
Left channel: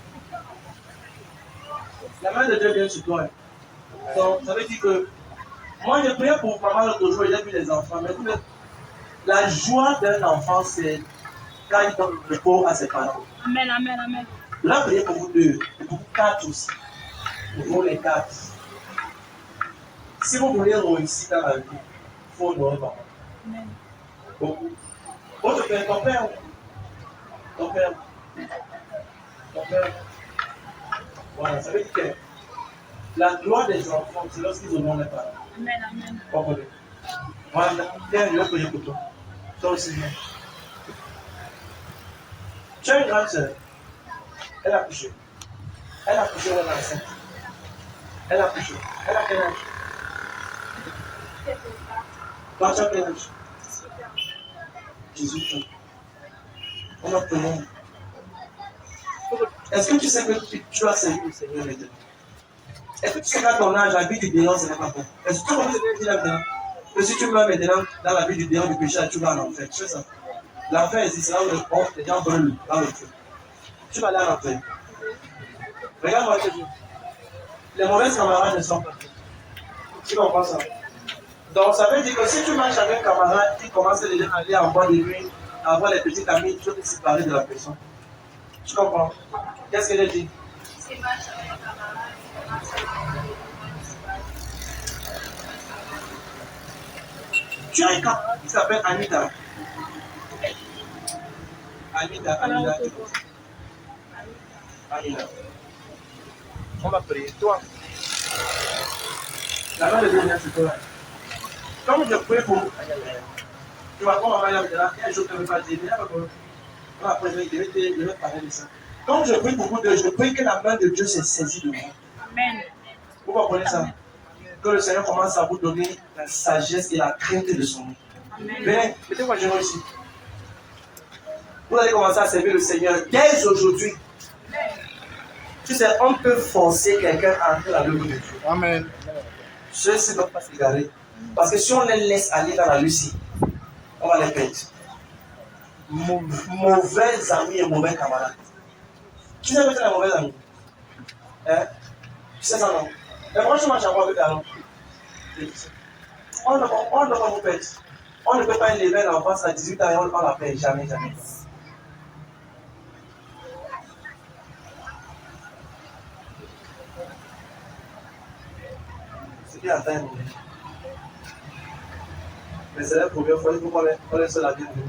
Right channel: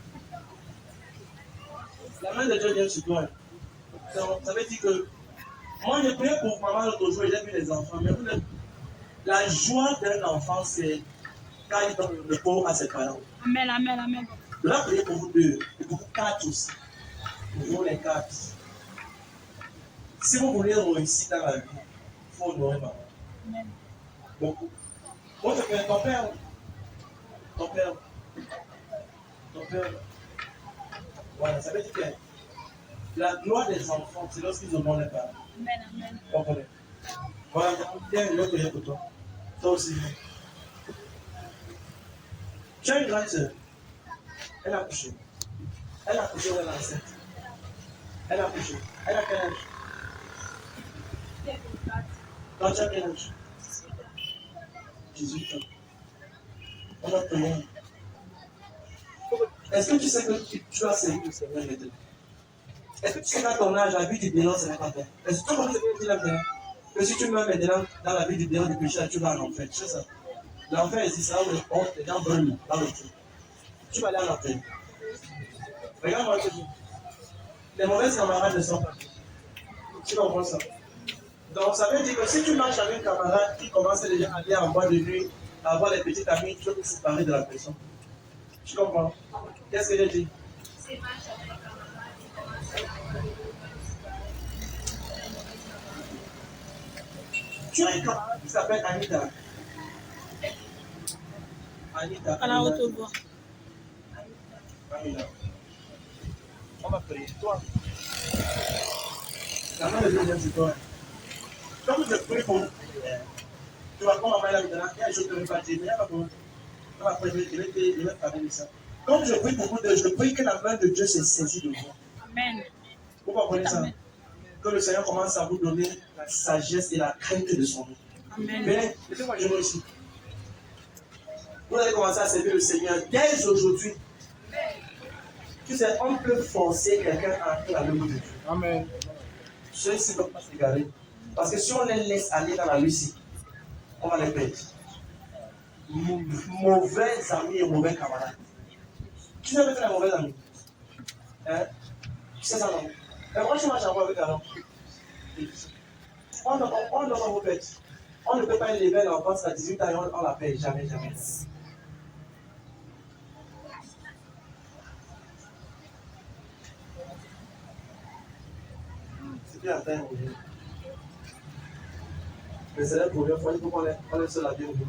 la main de Dieu vient sur toi. Donc, ça veut dire que moi, je priais pour maman l'autre jour, j'ai vu les enfants. Mais la joie d'un enfant, c'est quand il donne le pot à ses parents. Amen, amen, amen. Je vais prier pour vous deux, et pour vous quatre aussi. Pour vous les quatre. Si vous voulez réussir dans la vie, il faut honorer maman. Amen. Beaucoup. Votre père, ton père. Ton père. Ton père. Voilà, ça veut dire que la gloire des enfants, c'est lorsqu'ils honorent les parents. Amen, amen. Comprenez? Voilà, viens, je vais prier pour toi. Toi aussi, viens. Tu as une grande soeur. Elle a couché. Elle a couché, elle est enceinte. Elle a couché. Elle a quel âge? Toi, tu as quel âge? 18 ans. On a prié. Est-ce que tu sais que tu as servi le Seigneur maintenant? Est-ce que tu sais qu'à ton âge, la vie du démon, ce n'est pas bon? Est-ce que tu connais ce que je dis là maintenant? Que si tu meurs maintenant dans la vie du démon du péché, tu vas en enfer. Tu sais ça? L'enfer existe, c'est là où les gens brûlent dans le feu. Tu vas aller en enfer. Regarde-moi, je te dis. Les mauvais camarades ne sont pas. Tu comprends ça? Donc, ça veut dire que si tu marches avec un camarade qui commence déjà à aller en boîte de nuit, à avoir les petits amis, tu dois te séparer de la personne. Tu comprends? Qu'est-ce que j'ai dit? Si tu marches avec un camarade, tu commences à aller. Tu as un camarade qui s'appelle Anita. Anita. On va prier. Toi. La main de Dieu vient sur toi. Comme je prie pour. Tu vois, comme maman est là, il y a un jour que je ne vais pas dire, mais il n'y a pas de problème. Après, je vais parler de ça. Comme je prie pour vous deux, je prie que la main de Dieu se saisit de vous. Amen. Vous comprenez ça? Que le Seigneur commence à vous donner la sagesse et la crainte de son nom. Amen. Venez, mettez-moi généreux ici. Vous allez commencer à servir le Seigneur dès aujourd'hui. Tu sais, on peut forcer quelqu'un à entrer dans le monde de Dieu. Amen. Ceux-ci ne doivent pas s'égarer. Parce que si on les laisse aller dans la Lucie, on va les perdre. Mauvais amis et mauvais camarades. Tu sais que tu es un mauvais ami? Hein? Tu sais ça non? Mais moi je marche encore avec Aaron. On ne peut pas vous perdre. On ne peut pas élever l'enfance à 18 ans et on ne la perd jamais, jamais. attend un oubli. Mais c'est la première fois, il faut qu'on laisse la bienvenue.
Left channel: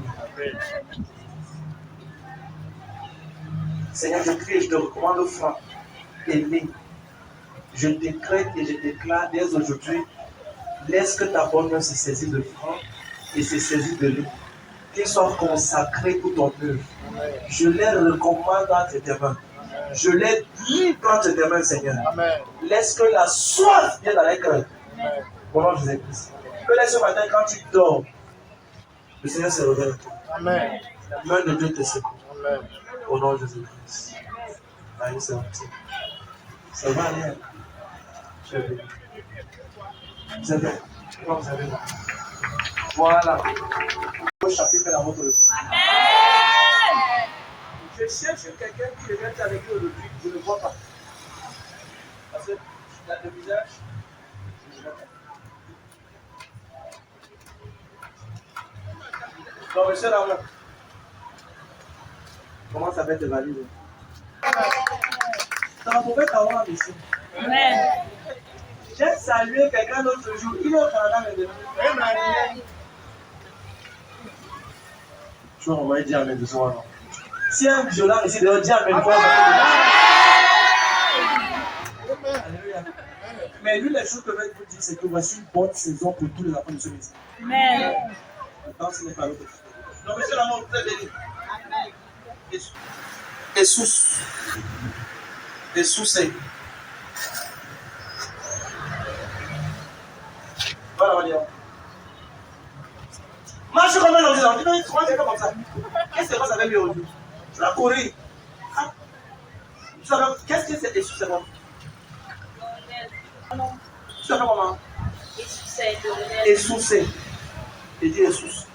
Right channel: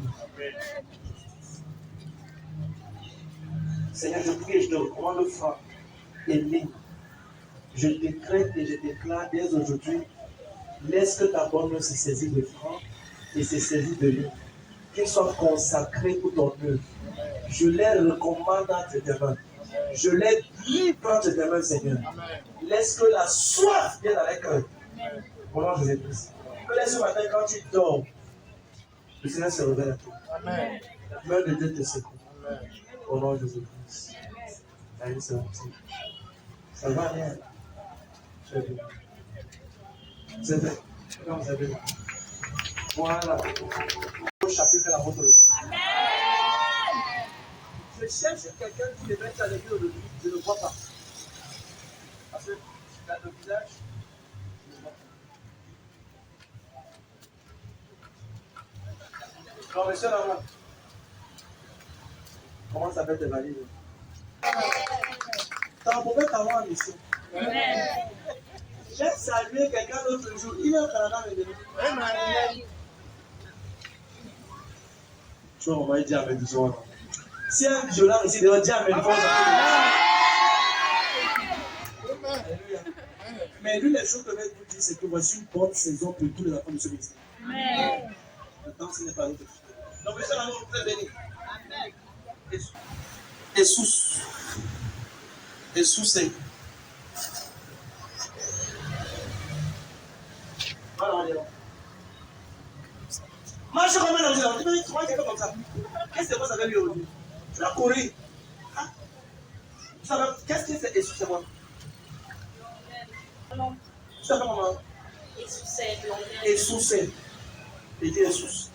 Seigneur, je prie et je te recommande Franck et Lynn. Je décrète et je déclare dès aujourd'hui, laisse que ta bonne main se saisisse de Franck et se saisisse de Lynn. Qu'ils soient consacrés pour ton œuvre. Je les recommande entre tes mains. Je les livre entre tes mains, Seigneur. Laisse que la soif vienne dans les cœurs. Au nom de Jésus-Christ. Que laisse ce matin, quand tu dors, le Seigneur se révèle à toi. Amen. La main de Dieu te secoue. Amen. Au nom de Jésus-Christ. Allez, c'est parti. Ça va aller. Je vais. C'est bien. Comment vous avez là? Voilà. Au chapitre de la vôtre. Amen. Je cherche quelqu'un qui devrait être avec lui aujourd'hui. Je ne le vois pas. Parce que le visage, je ne le vois pas. Non, monsieur Ramon. Comment ça va être valide? Ça va pouvoir t'avoir, monsieur. Amen. J'ai salué quelqu'un l'autre jour. Il est au Canada maintenant. Amen. Tu vois, on va dire Amen de soir. Si un violent ici, d'ailleurs, dis Amen. Alléluia. Mais lui, les choses que je vais vous dire, c'est que voici une bonne saison pour tous les enfants de ce ministère. Amen. Maintenant, ce n'est pas l'autre. Non, monsieur l'amour, vous êtes béni. Amen. Jesus. Jesus. Voilà, on va dire. Marche comme un ordinateur. Tu vas trouver quelqu'un comme ça. Qu'est-ce qui se passe avec lui aujourd'hui? Tu vas courir. Ah. Tu savais, qu'est-ce que c'est Jesus, c'est quoi? Tu savais comment? Jesus. Il dit Jesus.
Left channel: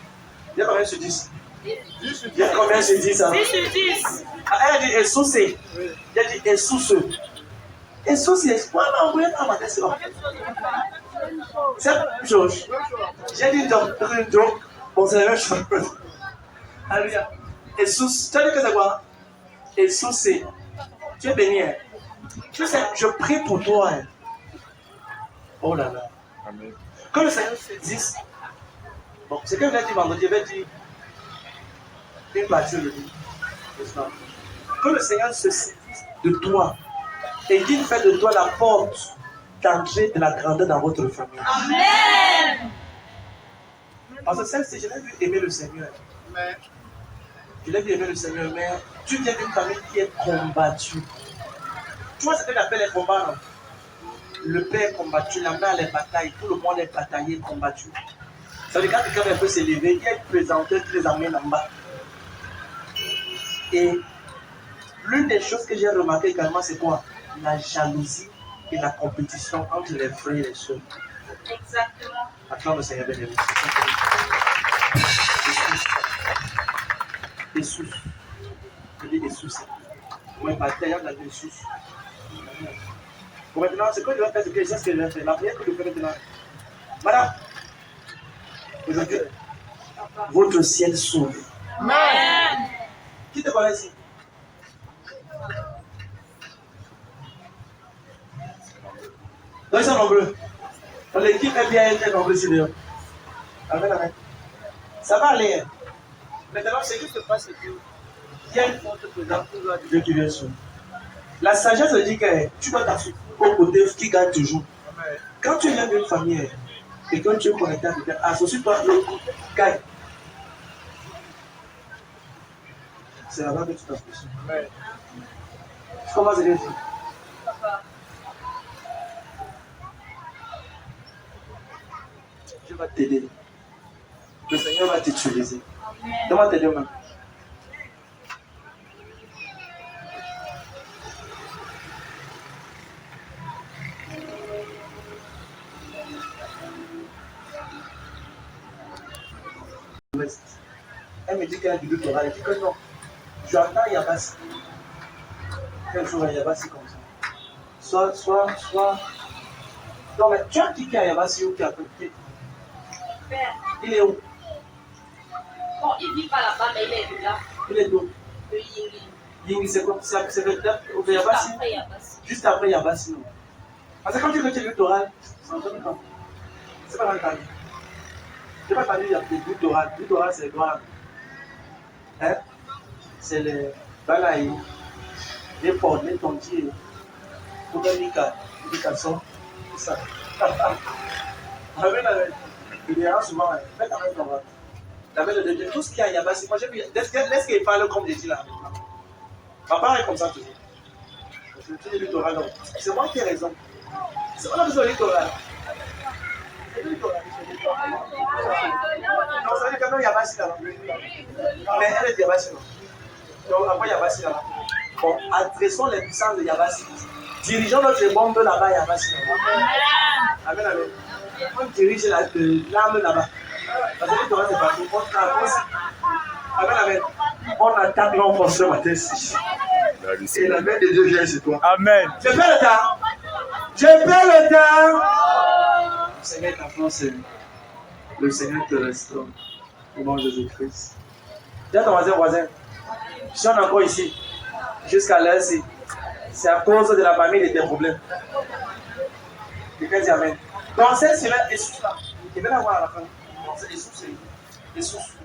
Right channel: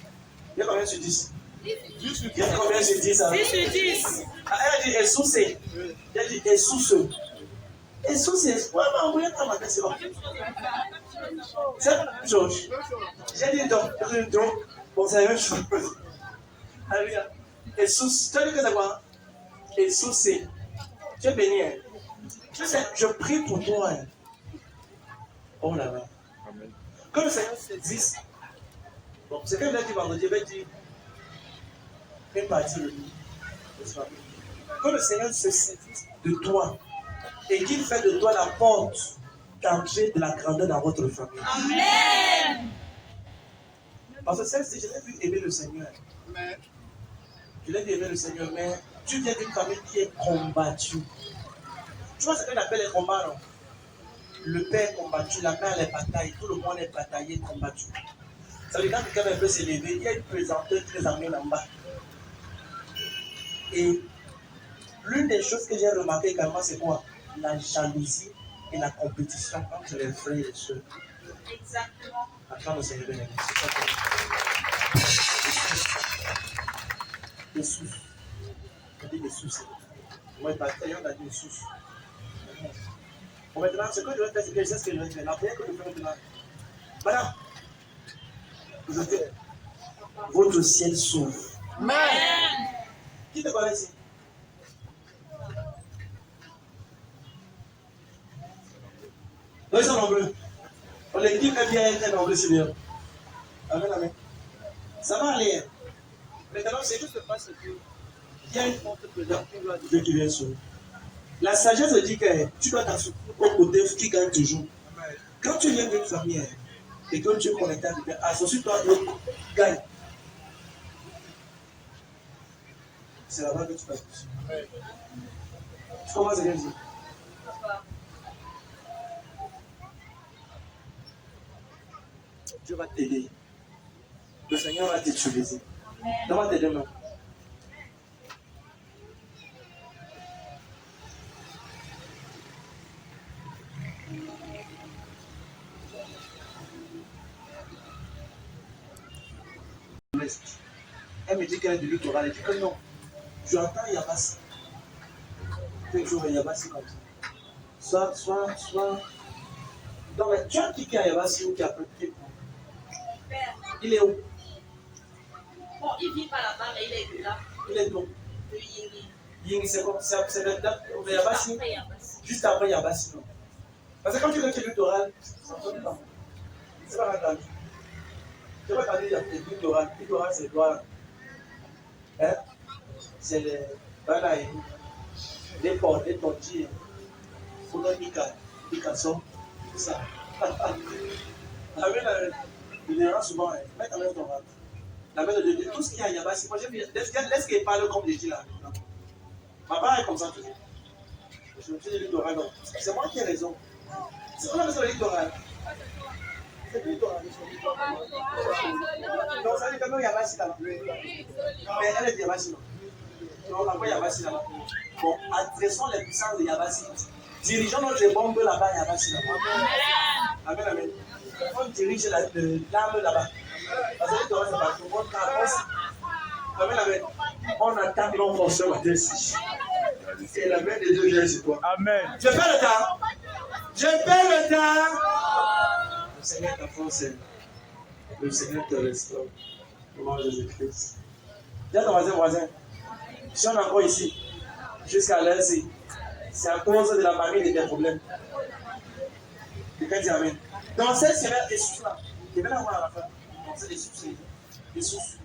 Il y a combien sur 10? Il y a combien sur 10? 10 sur 10. Ah, elle a dit Jesus. Il a dit Jesus. Jesus, pourquoi on va envoyer dans ma tête? C'est la même chose. J'ai dit donc, bon, c'est la même chose. Alléluia. Jesus, tu as dit que c'est quoi? Jesus, tu es béni. Hein? Tu sais, je prie pour toi. Hein? Oh là là. Amen. Que le Seigneur se dise. Bon, c'est que je l'ai dit vendredi, je vais dire une partie de lui. Que le Seigneur se saisisse de toi et qu'il fait de toi la porte d'entrée de la grandeur dans votre famille. Amen. Parce que celle-ci, je l'ai vu aimer le Seigneur. Amen. Je l'ai vu aimer le Seigneur, mais tu viens d'une famille qui est combattue. Tu vois ce qu'on appelle les combats, non? Le père est combattu, la mère est bataille, tout le monde est bataillé, combattu. Ça veut dire quand quelqu'un peut s'élever, il y a une présenteuse qui les amène en bas. Et l'une des choses que j'ai remarqué également, c'est quoi? La jalousie et la compétition entre les frères et les soeurs. Exactement. Acclame le Seigneur bien-aimé. Jesus. Je dis Jesus. Moi, je bataille dans le Jesus. Pour maintenant, ce que je vais faire, c'est que je sais ce que je vais faire. La prière que je fais maintenant. Madame, aujourd'hui, votre ciel s'ouvre. Amen. Qui te parle ici? Donc ils sont nombreux. L'équipe est bien, elle est nombreuse ici dehors. Amen, amen. Ça va aller. Maintenant, ce qui se passe, c'est qu'il y a une porte présente pour de Dieu qui vient sur nous. La sagesse dit que tu dois t'assurer au côté qui gagne toujours. Amen. Quand tu viens d'une famille et quand tu es connecté à quelqu'un, associe-toi l'autre gagne. C'est là-bas que tu t'associes. Comment c'est dit? Papa. Dieu va t'aider. Le Seigneur va t'utiliser. Donne-moi tes deux mains. Elle me dit qu'elle a du lutte orale. Elle dit que non. J'entends Yabassi. Quel jour Yabassi comme ça? Soit. Non, mais tu as qui est à Yabassi ou qui a copié? Il est où? Bon, il vit pas là-bas, mais il est là. Il est où? Le Yingi. Yingi, c'est quoi? C'est le Yabassi? Juste après Yabassi, non. Parce que quand tu veux que tu lutte orale, C'est pas entendu. Je n'ai pas entendu, il y a des gouttes d'oral. Gouttes d'oral, c'est quoi? Hein? C'est les balaïs, les porcs, les tontiers, les cassons, tout ça. Amen. Il y aura souvent, mets ta main sur la main de Dieu. Tout ce qu'il y a, il y a bas. Moi, j'ai vu, laisse qu'il parle comme j'ai dit là. Papa est comme ça toujours. Je me suis dit littoral, non. C'est moi qui ai raison. On a besoin de littoral. C'est littoral. Non, ça veut dire quand même, il y a Bassi là-bas. Mais elle est Yabassi, non. Donc après, Yabassi là-bas. Bon, adressons les puissances de Yabassi. Dirigeons notre bombe là-bas, Yabassi là-bas. Amen, amen. On dirige l'arme là-bas. Parce que littoral, c'est partout. On avance. Amen, amen. On attaque l'enfant ce matin ci. Et la main de Dieu vient sur toi. Amen. Je perds le temps. Je perds le temps. Le Seigneur t'enfonce. Le Seigneur te restaure. Au nom de Jésus-Christ. Dis à ton voisin, si on est encore ici, jusqu'à l'heure, c'est à cause de la famille de tes problèmes. Quelqu'un dit Amen. Donc, cette semaine, Essousse là, il vient d'avoir à la fin. Donc, c'est Essousse.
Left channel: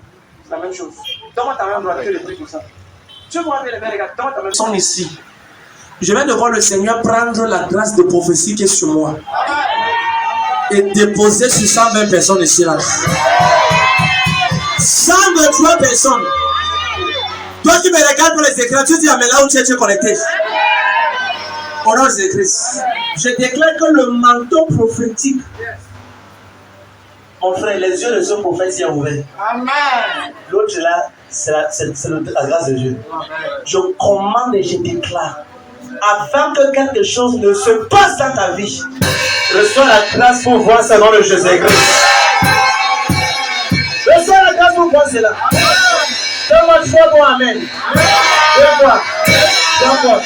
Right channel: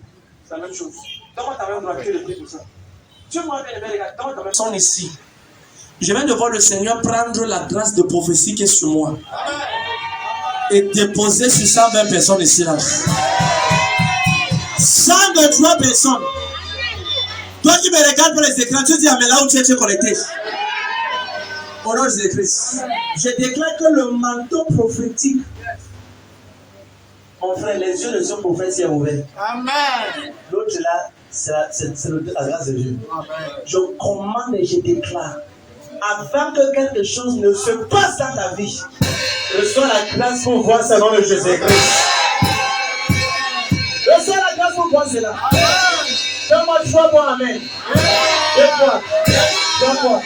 C'est la même chose. Donne-moi ta main droite, tu le pries pour ça. Tu vois bien les gars, donne-moi ta main. Ils sont ici. Je viens de voir le Seigneur prendre la grâce de prophétie qui est sur moi et déposer sur 120 personnes ici là. 123 personnes. Toi qui me regardes pour les écrans, tu dis mais là où tu es connecté. Au nom de Jésus-Christ. Je déclare que le manteau prophétique, mon frère, les yeux de ce prophète s'y sont ouverts. Amen. L'autre là, c'est la grâce de Dieu. Amen. Je commande et je déclare, afin que quelque chose ne se passe dans ta vie, reçois la grâce pour voir ça dans le Jésus-Christ. Reçois la grâce pour voir cela. Donne-moi 3 mots, amen. 2 fois. 3 fois.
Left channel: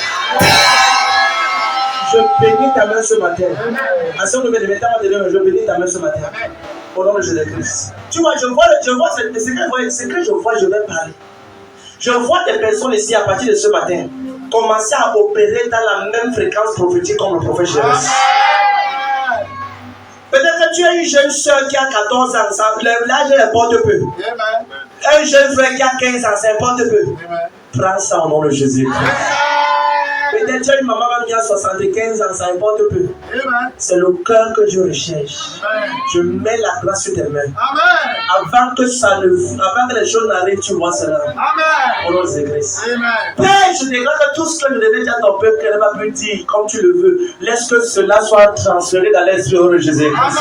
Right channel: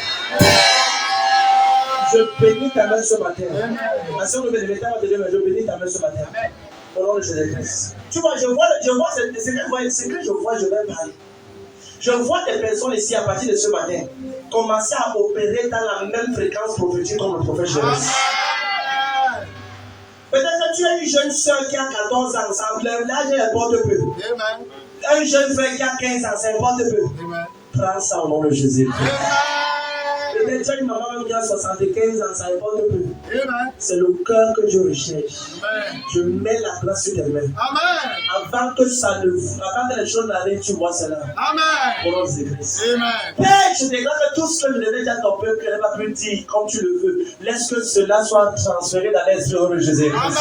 Je bénis ta main ce matin. Ma soeur me dit, je bénis ta main ce matin. Au nom de Jésus-Christ. Tu vois, je vois ce que je vois, je vais parler. Je vois des personnes ici à partir de ce matin commencer à opérer dans la même fréquence prophétique comme le prophète Jésus. Peut-être que tu as une jeune soeur qui a 14 ans, l'âge importe peu. Un jeune frère qui a 15 ans, ça importe peu. Prends ça au nom de Jésus. Peut-être que tu as une maman qui a 75 ans, ça importe peu. C'est le cœur que Dieu recherche. Je mets la grâce sur tes mains. Avant que les choses n'arrivent, tu vois cela. Au nom de Jésus-Christ. Père, je déclare que tout ce que je devais dire à ton peuple, qu'elle va plus dire comme tu le veux, laisse que cela soit transféré dans l'esprit au nom de Jésus-Christ.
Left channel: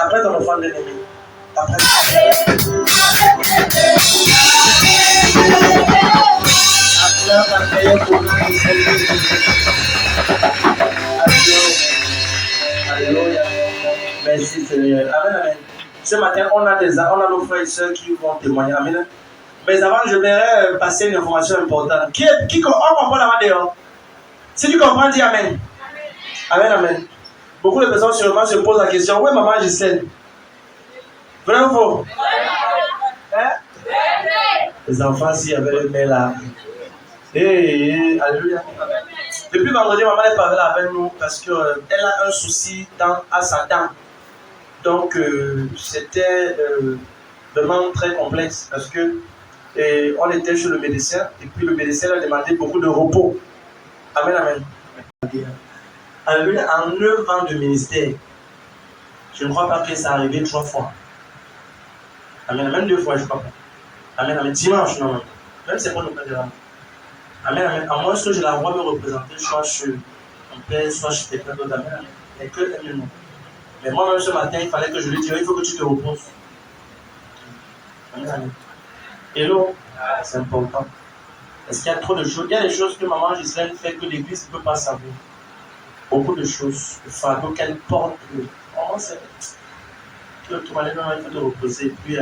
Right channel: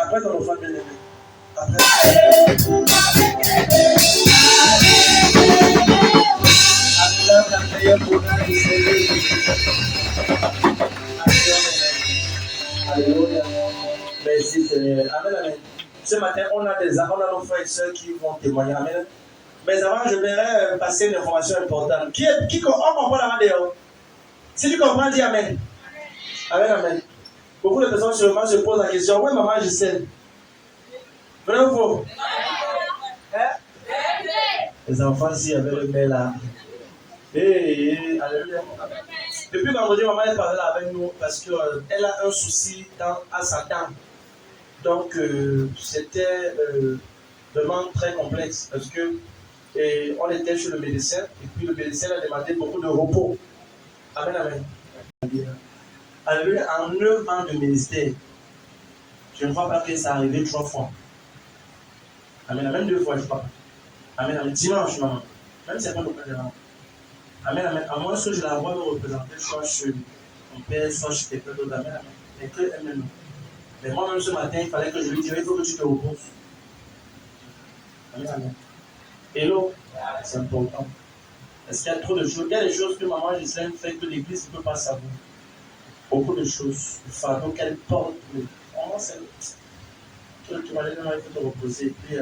Après ton enfant de l'ennemi. Après. Alléluia. Merci Seigneur. Amen, amen. Ce matin, on a nos frères et sœurs qui vont témoigner. Amen. Mais avant, je voudrais passer une information importante. Qui comprend la main dehors? Si tu comprends, dis Amen. Amen, amen. Beaucoup de personnes sûrement se posent la question, où est maman Gisèle? Vrai ou faux? Hein? Les enfants, s'il y avait le mail là. Alléluia. Depuis vendredi, maman est parlé avec nous parce qu'elle a un souci à sa dent. Donc, c'était vraiment très complexe parce que on était chez le médecin et puis le médecin a demandé beaucoup de repos. Amen, amen. Alléluia. En 9 ans de ministère, je ne crois pas que ça arrivé 3 fois. Amen, amen, 2 fois, je crois pas. Amen, amen. Dimanche, non. Même c'est pas le cas de là. Amen, amen. À moins que je la vois me représenter, soit chez mon père, soit chez quelqu'un d'autre. Amen, amen. Mais que elle non. Mais moi-même ce matin, il fallait que je lui dise, il faut que tu te reposes. Amen, amen. Hello, c'est important. Parce qu'il y a trop de choses. Il y a des choses que maman Gisèle fait que l'église ne peut pas savoir. Beaucoup de choses. Le fardeau qu'elle porte. Comment c'est. Tu vas aller dans il faut te reposer. Et puis,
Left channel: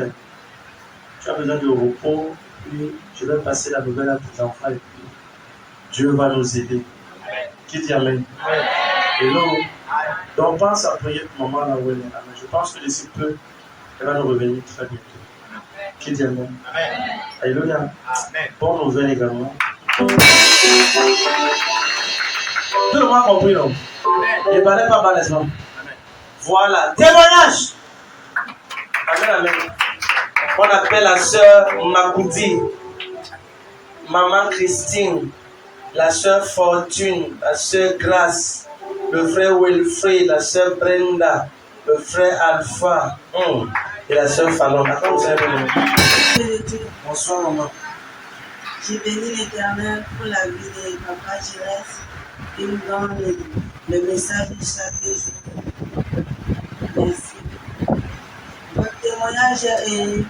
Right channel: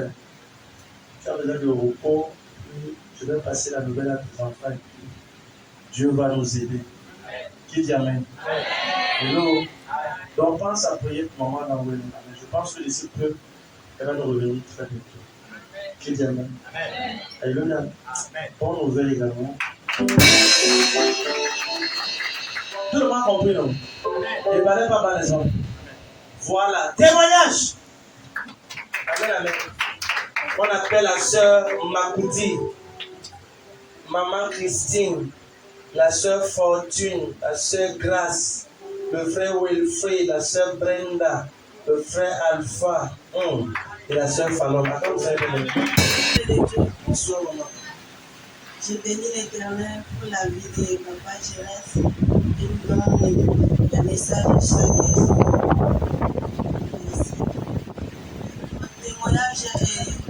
tu as besoin de repos. Puis, je vais passer la nouvelle à tes enfants. Et puis, Dieu va nous aider. Qui dit Amen? Hello. Donc, pense à prier pour maman là où elle est. Je pense que d'ici peu, elle va nous revenir très bientôt. Qui dit Amen? Alléluia. Bonne nouvelle également. Tout le monde a compris, non? Ne parlez pas bas, n'est-ce pas? Voilà. Témoignage. Amen, amen. On appelle la sœur Makoudi, maman Christine, la sœur Fortune, la sœur Grace, le frère Wilfrid, la sœur Brenda, le frère Alpha et la sœur Fallon. Comment vous avez nommé? Bonsoir, maman. J'ai béni l'Éternel pour la vie de Papa Gérès qui nous donne le message de chaque jour. Merci. Mon témoignage est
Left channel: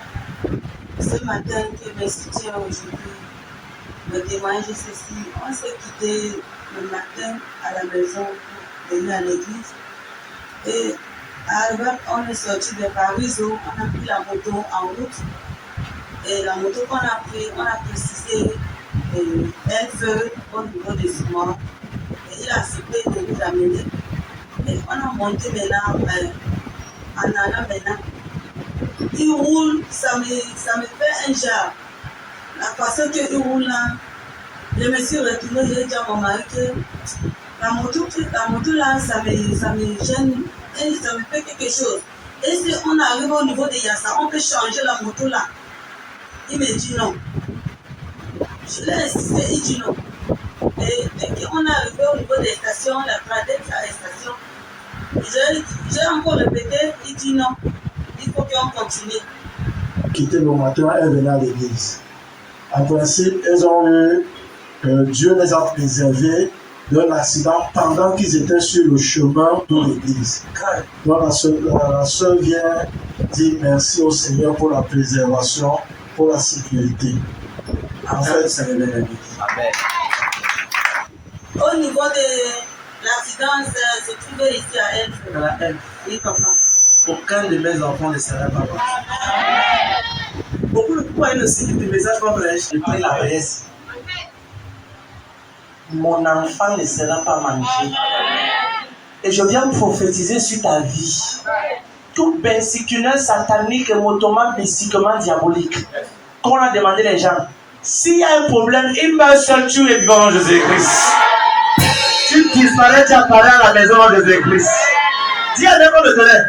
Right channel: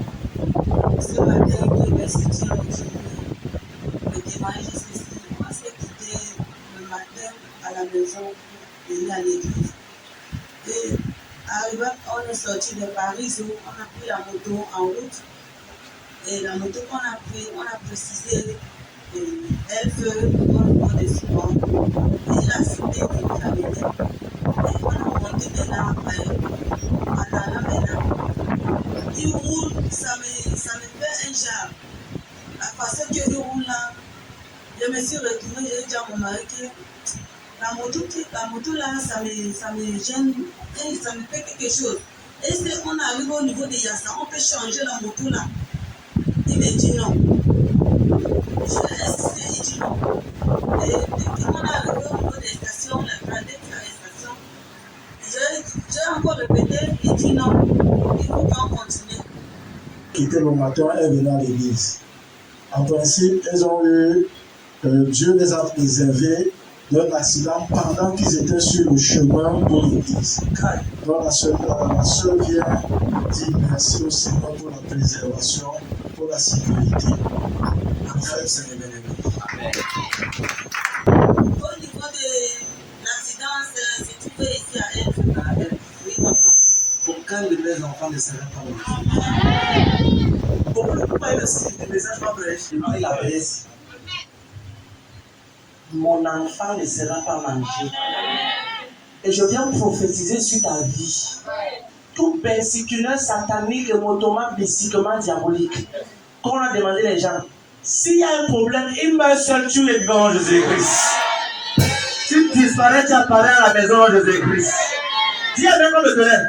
ce matin qui me soutient aujourd'hui. Le témoignage est ceci. On s'est quitté le matin à la maison pour venir à l'église. Et on est sorti de Paris, on a pris la moto en route. Et la moto qu'on a pris, on a précisé elle veut au niveau de souvent. Et il a accepté de nous amener. Et on a monté maintenant en allant maintenant. Il roule, ça me fait un genre. La façon qu'il roule là, je me suis retournée, j'ai dit à mon mari que la moto là, ça me gêne et ça me fait quelque chose. Et si on arrive au niveau de Yassa, on peut changer la moto là. Il me dit non. Je l'ai insisté, il dit non. Et dès qu'on est arrivé au niveau des stations, la tradette à la station, j'ai encore répété, il dit non. Il faut qu'on continue. Quitté le matin, elles venaient à l'église. En principe, elles ont eu, Dieu les a préservés d'un accident pendant qu'ils étaient sur le chemin pour l'église. Donc la sœur vient dire merci au Seigneur pour la préservation, pour la sécurité. En fait, c'est le bien. Au niveau de l'accident, c'est trouvé ici à elle. À la haine. Oui, papa. Aucun de mes enfants ne serait pas mort. Beaucoup de fois, il aussi du message qu'on prêche, je prie la presse. Mon enfant ne sera pas mangé. Et je viens prophétiser sur ta vie. Tout bensicunaire satanique, motoman, bicyclement diabolique. Quand on a demandé les gens, s'il y a un problème, il meurt seul, tu es vivant en Jésus-Christ. Tu disparais, tu apparais à la maison en Jésus-Christ. Dis à même le terrain.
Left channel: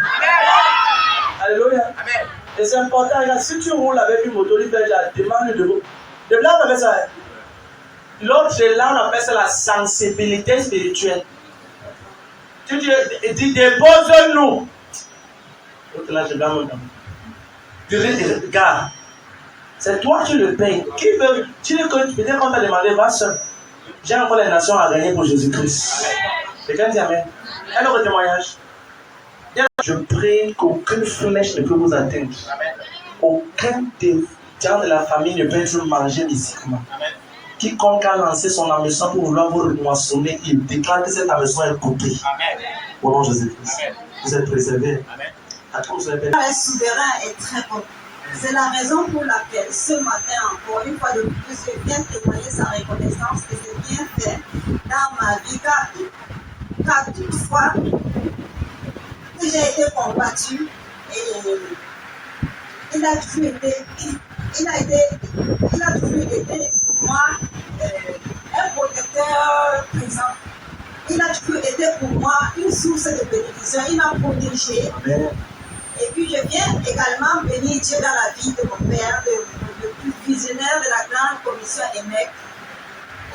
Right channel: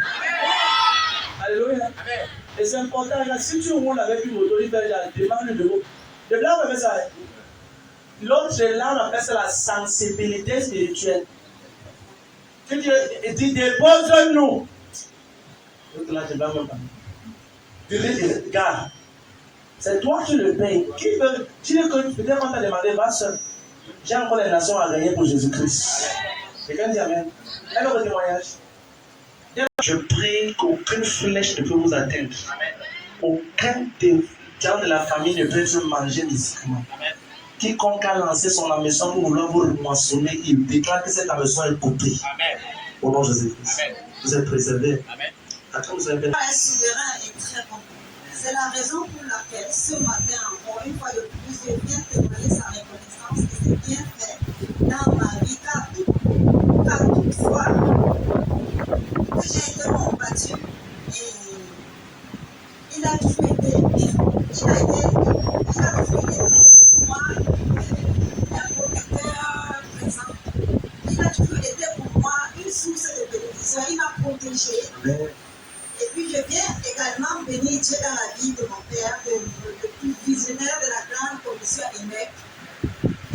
Alléluia. Amen. Et c'est important, si tu roules avec une moto, il fait la demande de l'eau. Le blanc, on appelle ça. L'autre, là, on appelle ça la sensibilité spirituelle. Tu dis, dépose-nous. L'autre, là, je blanc mon temps. Tu dis, regarde. C'est toi qui le payes. Qui veut, tu dis que peut-être qu'on t'a demandé, va seul. J'ai encore les nations à gagner pour Jésus-Christ. Quelqu'un dit Amen. Un autre témoignage. Je prie qu'aucune flèche ne peut vous atteindre. Amen. Aucun des gens de la famille ne peut être mangé mystiquement. Quiconque a lancé son hameçon pour vouloir vous moissonner, il déclare que cette hameçon est coupée. Amen. Au nom de Jésus-Christ. Vous êtes préservés. Amen. Attends, vous avez... Le souverain est très bon. C'est la raison pour laquelle ce matin, encore une fois de plus, je viens témoigner sa reconnaissance que c'est bien fait dans ma vie. Quatre fois que j'ai été combattue et il a toujours été pour moi un protecteur présent. Il a toujours été pour moi une source de bénédiction. Il m'a protégée. Et puis je viens également bénir Dieu dans la vie de mon père, le plus visionnaire de la grande commission EMEC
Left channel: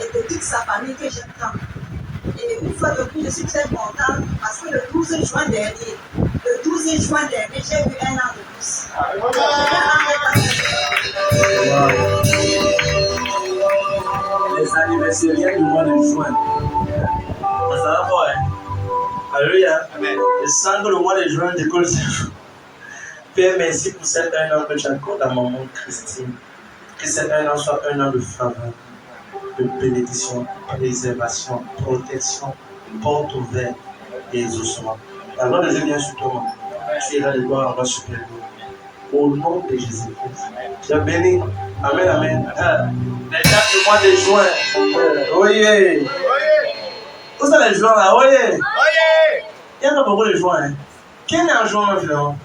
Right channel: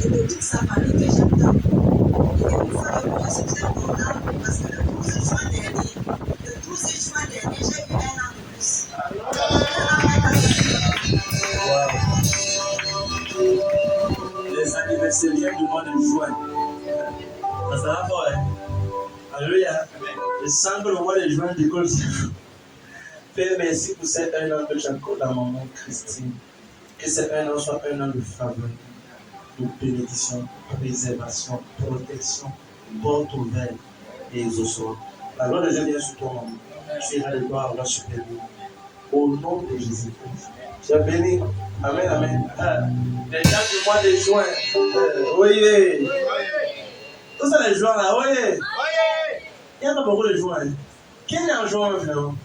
et de toute sa famille que j'aime tant. Et une fois de plus, je suis très contente parce que le 12 juin dernier, j'ai eu un an de plus. Les anniversaires du mois de juin. Ça va pas, hein? Alléluia. Amen. Je sens que le mois de juin décolle. Père, merci pour cet un an que tu accordes à maman Christine. Que cet un an soit un an de faveur, de bénédiction, préservation, protection, porte ouverte et exaucement. La gloire de Dieu vient sur toi, maman. Tu iras de gloire en gloire supérieure. Au nom de Jésus-Christ. Tu es béni. Amen, amen. Les gens du mois de juin. Oyez. Où sont les juins là? Oyez. Il y a pas beaucoup de juin. Hein? Qui est en juin finalement?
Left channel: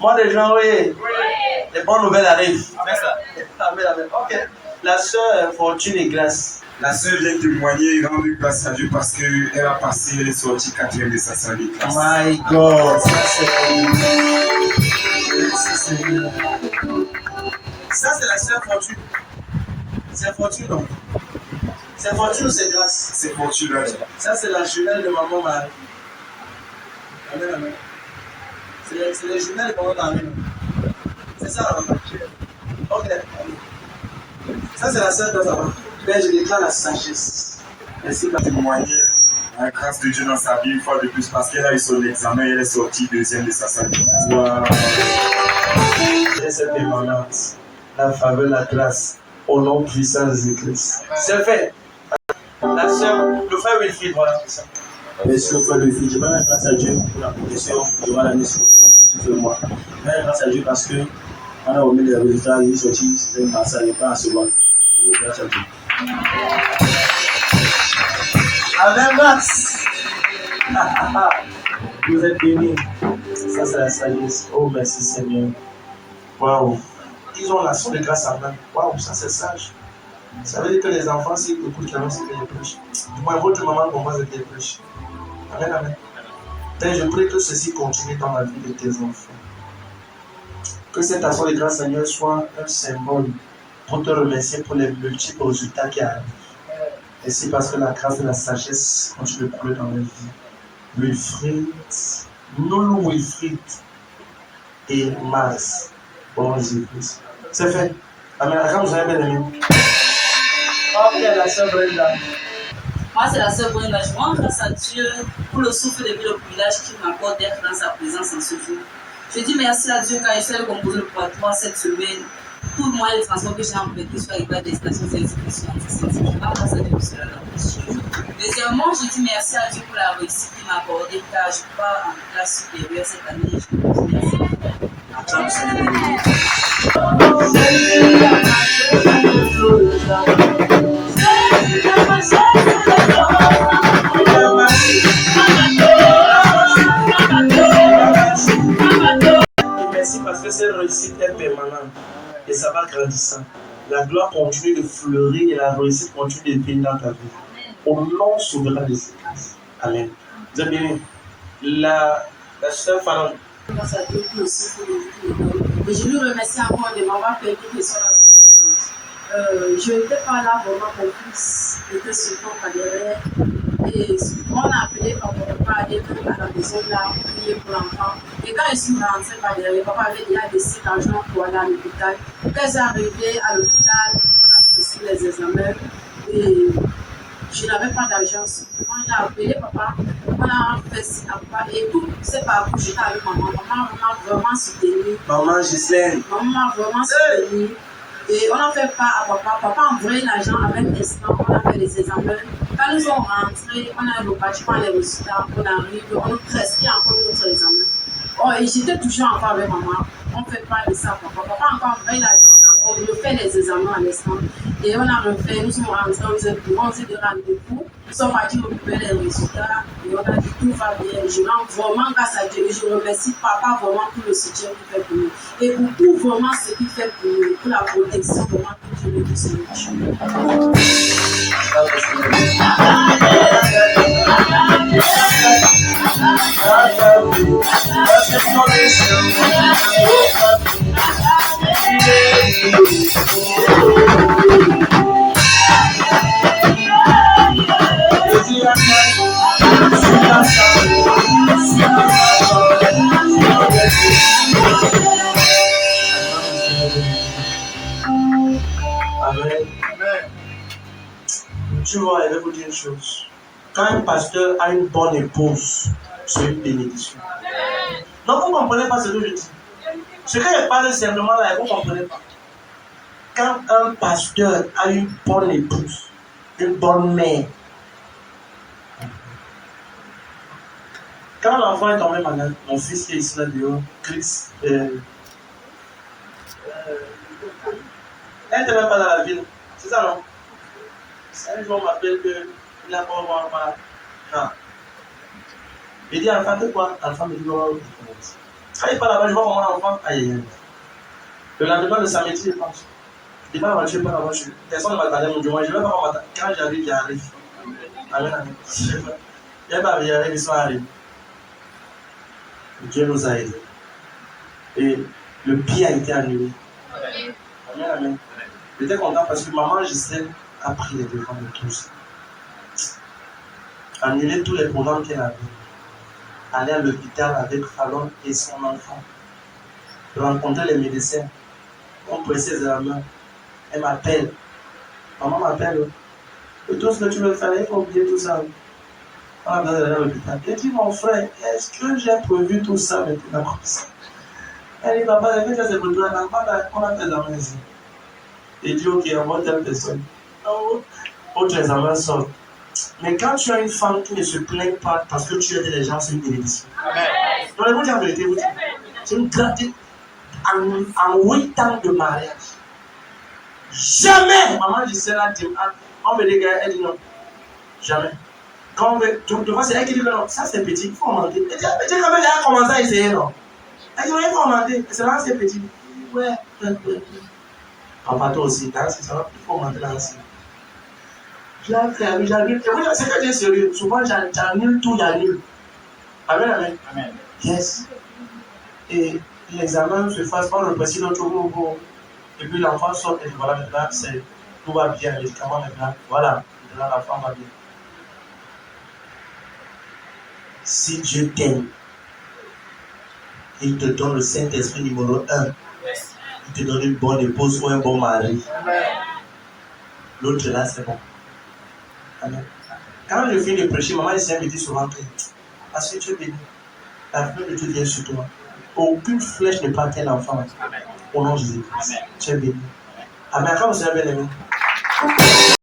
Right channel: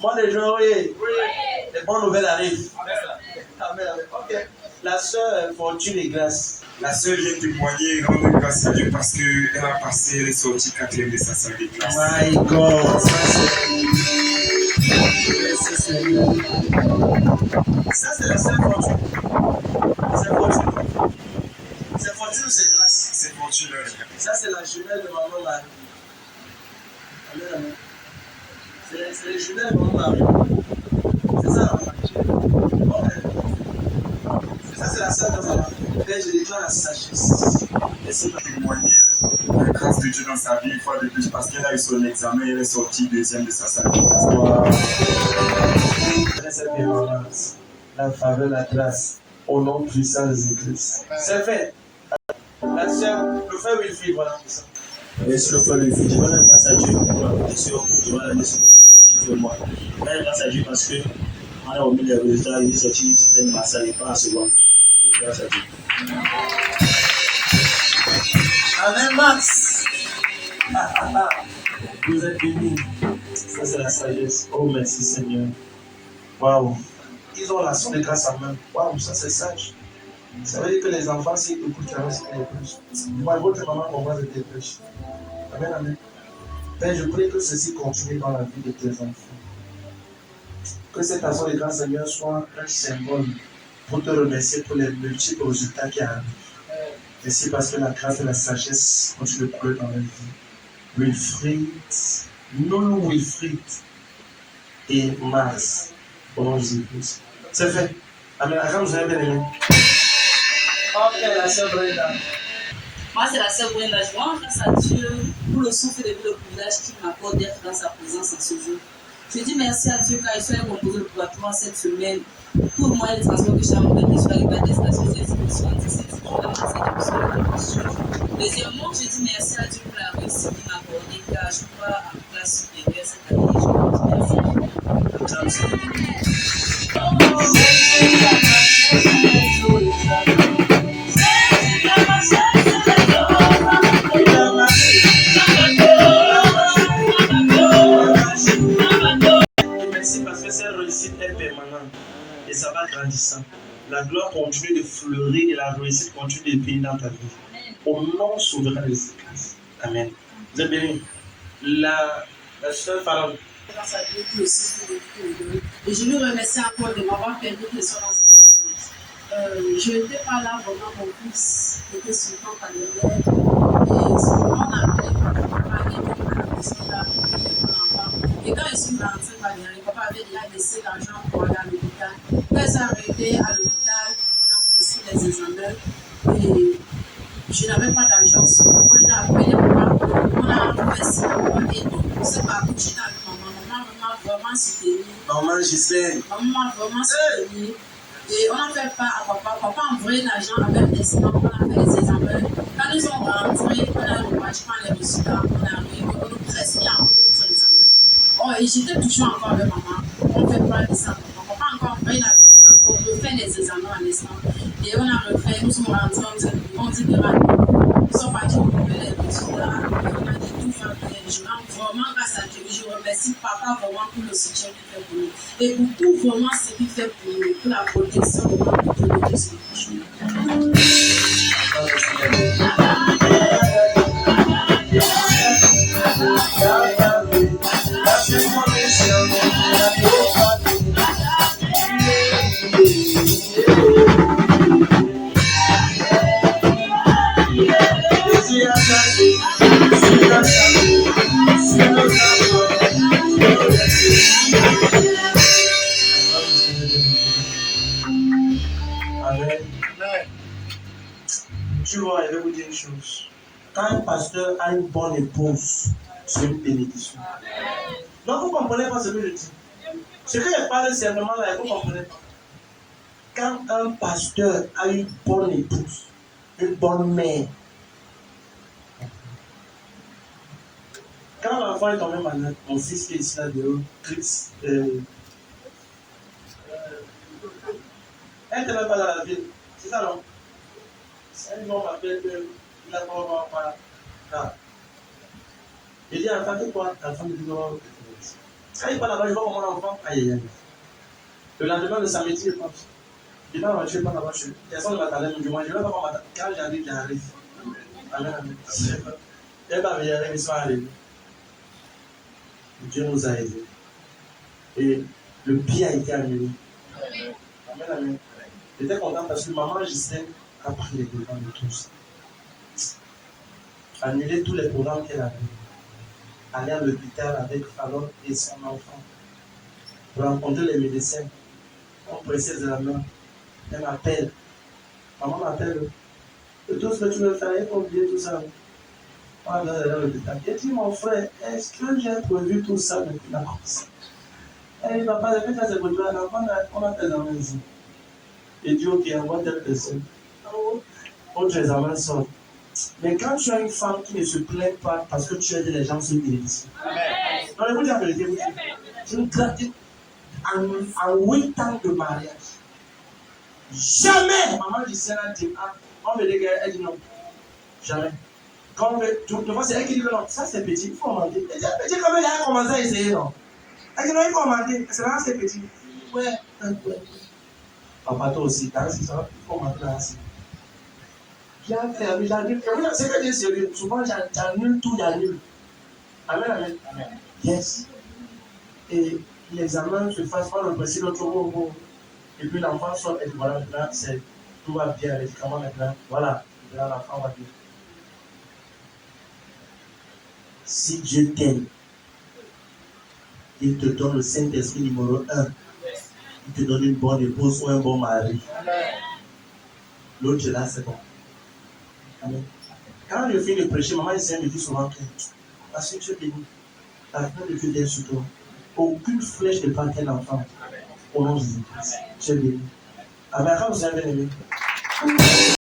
Mois de juin, oui. Les bonnes nouvelles arrivent. Amen. Amen. Ok. La sœur Fortune et Grâce. La sœur vient témoigner et rendre grâce à Dieu parce qu'elle a passé, elle est sortie 4e de sa salle de classe. My God, ça c'est. Merci Seigneur. Ça c'est la sœur Fortune. C'est Fortune non? C'est Fortune ou c'est Grâce? C'est Fortune là. Ça c'est la jumelle de maman Marie. Amen, amen. C'est les jumelles de maman Marie. C'est ça la maman. Ok. Ça c'est la sœur de maman. Père, je déclare la sagesse. Merci pour témoigner la grâce de Dieu dans sa vie une fois de plus parce qu'elle a eu son examen et elle est sortie 2e de sa salle de classe. Cette permanente, la faveur, la grâce, au nom puissant de Jésus-Christ. C'est fait. La sœur, le frère Wilfried, voilà, c'est ça. Merci au frère Wilfried. Je rends grâce à Dieu pour la protection durant l'année scolaire qui fait moi. Je rends grâce à Dieu parce que on a remis les résultats, il est sorti, c'était une masse, il n'est pas à seconde. Grâce à Dieu. Avec Max. Vous êtes bénis. Ça, c'est la sagesse. Oh, merci Seigneur. Waouh. Ils ont l'action de grâce en main. Waouh, ça c'est sage. Ça veut dire que les enfants, s'ils écoutent la c'est des prêches. Du moins, votre maman comprend que des prêches. Amen, amen. Père, je prie que ceci continue dans la vie de tes enfants. Que cette action de grâce, Seigneur, soit un symbole pour te remercier pour les multiples résultats qui arrivent. Merci parce que la grâce et la sagesse continuent de couler dans la vie. Wilfried, Noulou Wilfried et Mars. Bon Jésus-Christ. C'est fait. Amen. Quand vous avez bien aimé. Ok, la sœur Brenda. Moi, c'est la sœur Brenda. Je rends grâce à Dieu pour le souffle depuis le privilège qu'il m'accorde d'être dans sa présence en ce jour. Je dis merci à Dieu car je suis allé composer le poitrine cette semaine. Tout le moyen de transport que j'ai employé, je suis arrivé à destination de l'exécution de cette semaine. Deuxièmement, je dis merci à Dieu pour la réussite qu'il m'a accordée car je pars en classe supérieure cette année. Je dis merci parce que cette réussite est permanente et ça va grandissant. La gloire continue de fleurir et la réussite continue de venir dans ta vie. Au nom souverain de Jésus-Christ. Amen. Vous êtes bénis. La sœur Fallon. Grâce à Dieu qui aussi pour le et je lui remercie encore de m'avoir permis de soit dans sa présence. Je n'étais pas là vraiment, mon fils était sur mon derrière. Et on a appelé papa aller à la maison là, prier pour l'enfant. Et quand je suis rentrée par derrière, papa avait déjà décidé d'argent pour aller à l'hôpital. Quand je suis arrivée à l'hôpital, on a passé les examens. Et je n'avais pas d'argent. Quand j'ai appelé papa, on a fait ça, papa et tout. On ne sait pas où j'étais avec maman. Maman m'a vraiment soutenue. Maman Gislaine. Maman m'a vraiment soutenue. Et on a fait part à papa. Papa a envoyé l'argent à même instant. On a fait les examens. Quand nous sommes rentrés, on a eu le bâtiment, les résultats. On arrive, on a presque encore notre examen. Oh, et j'étais toujours encore avec maman. On fait part de ça, papa. Papa a encore envoyé l'argent. On refait les examens à l'instant. Et on a refait, nous sommes rentrés, on s'est dit nous sommes partis occuper les résultats. Et on a dit tout va bien. Je rends vraiment grâce à Dieu. Et je remercie papa vraiment pour le soutien qu'il fait pour nous. Et pour tout vraiment ce qu'il fait pour nous. Pour la protection vraiment de Dieu de ce Amen. Tu vois, je vais vous dire une chose. Quand un pasteur a une bonne épouse, c'est une bénédiction. Non, vous ne comprenez pas ce que je dis. Ce que je parle simplement là, vous ne comprenez pas. Quand un pasteur a une bonne épouse, une bonne mère, quand l'enfant est tombé malade, mon fils qui est ici là-dedans, Chris, elle n'était même pas dans la ville. C'est ça, non? Un jour, on m'appelle qu'il a pas voir par là. Il dit, enfant, c'est quoi? Enfant me dit, non, quand il parle là-bas, je vois mon enfant. Aïe, aïe, aïe. Le lendemain, le samedi, je pense. Je pas la voiture, pas la voiture. Personne ne m'attendait, mon Dieu. Moi, je ne vais pas m'attendre. Quand j'arrive, j'arrive. Amen, amen. Il n'y a pas j'arrive, ils sont arrivés. Dieu nous a aidés. Et le pied a été annulé. Amen, amen. J'étais content parce que maman Gisèle a pris les devants de tous. Annuler tous les programmes qu'elle avait. Aller à l'hôpital avec Fallon et son enfant. Rencontrer les médecins. On pressait ses mains. Elle m'appelle. Maman m'appelle. Et tout ce que tu veux faire, il faut oublier tout ça. On a besoin d'aller à l'hôpital. Elle dit, mon frère, est-ce que j'ai prévu tout ça maintenant comme ça? Elle dit, papa, j'ai fait ça, c'est pour toi. On a fait l'examen ici. Et dit, ok, on va telle personne. Autre examen sort. Mais quand tu as une femme qui ne se plaint pas parce que tu aides les gens sur une télévision. Donc, vous dire la vérité, vous dites, c'est une gratitude en 8 ans de mariage. Jamais! Maman Gisèle a dit, on veut des gars, elle dit non. Jamais. Quand on veut, devant c'est elle qui dit que non, ça c'est petit, il faut augmenter. Elle dit, ah, mais quand même, j'ai commencé à essayer, non. Elle dit, non, il faut augmenter, c'est là, c'est petit. Ouais. Papa, toi aussi, dans ce salon, il faut augmenter là aussi. J'annule. C'est que tu es sérieux. Souvent, j'annule tout, j'annule. Amen, amen. Amen. Yes. Et l'examen se fasse par le président l'autre jour. Et puis l'enfant sort et dit voilà, maintenant, tout va bien, les médicaments maintenant. Voilà, maintenant la femme va bien. Si Dieu t'aime, il te donne le Saint-Esprit numéro 1. Il te donne une bonne épouse ou un bon mari. L'autre là, c'est bon. Amen. Quand je finis de prêcher, maman me dit souvent que parce que tu es béni, la fleur de Dieu vient sur toi. Aucune flèche ne part un enfant. Au nom de Jésus. Tu es béni. Amen. Quand vous êtes bien aimé.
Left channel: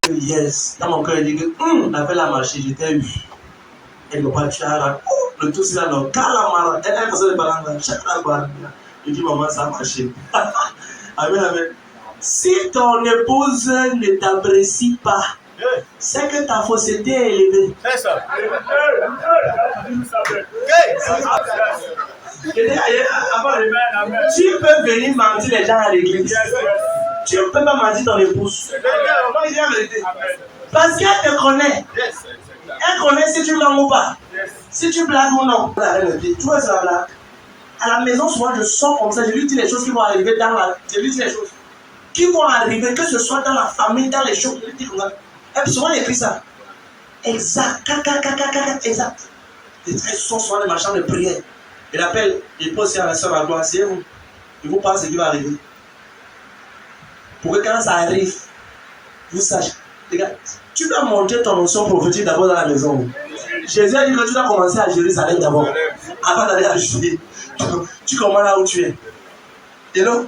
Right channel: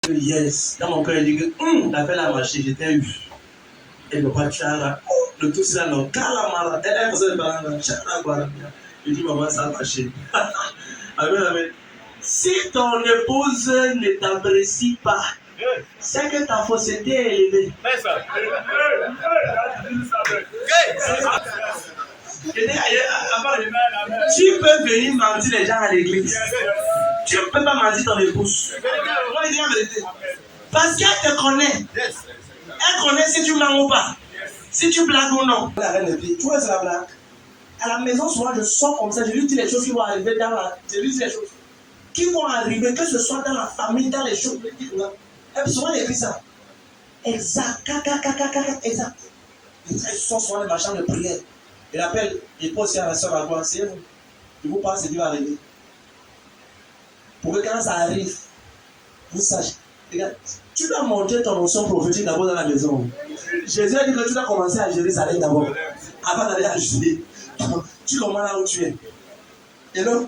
Yes. Dans mon cœur, il dit que on a fait la marché, j'étais eu. Elle ne va pas tirer. Le tout c'est là, non. Calamara. Elle a fait de balanga. Je dis, maman, ça a marché. Amen, amen. Si ton épouse ne t'apprécie pas, c'est que ta fausseté est élevée. C'est ça. Tu peux venir mentir les gens à l'église. Tu ne peux pas mentir ton épouse. Parce qu'elle te connaît. Elle connaît si tu mens ou pas. Si tu blagues ou non. Tu vois, c'est la blague. À la maison, souvent, je sors comme ça. Je lui dis les choses qui vont arriver dans la. Je lui dis les choses qui vont arriver, que ce soit dans la famille, dans les choses. Je lui dis comme ça. Et souvent, il écrit ça. Exact. Exact. Ils sont souvent des machins de prière. Il appelle, il pose à la soeur à gloire. C'est vous. Il vous parle ce qui va arriver. Pour que quand ça arrive, vous sachiez. Les gars, tu dois montrer ton notion prophétique d'abord dans la maison. Jésus a dit que tu dois commencer à Jérusalem d'abord. Avant d'aller à Judée. Tu commences là où tu es. Et là,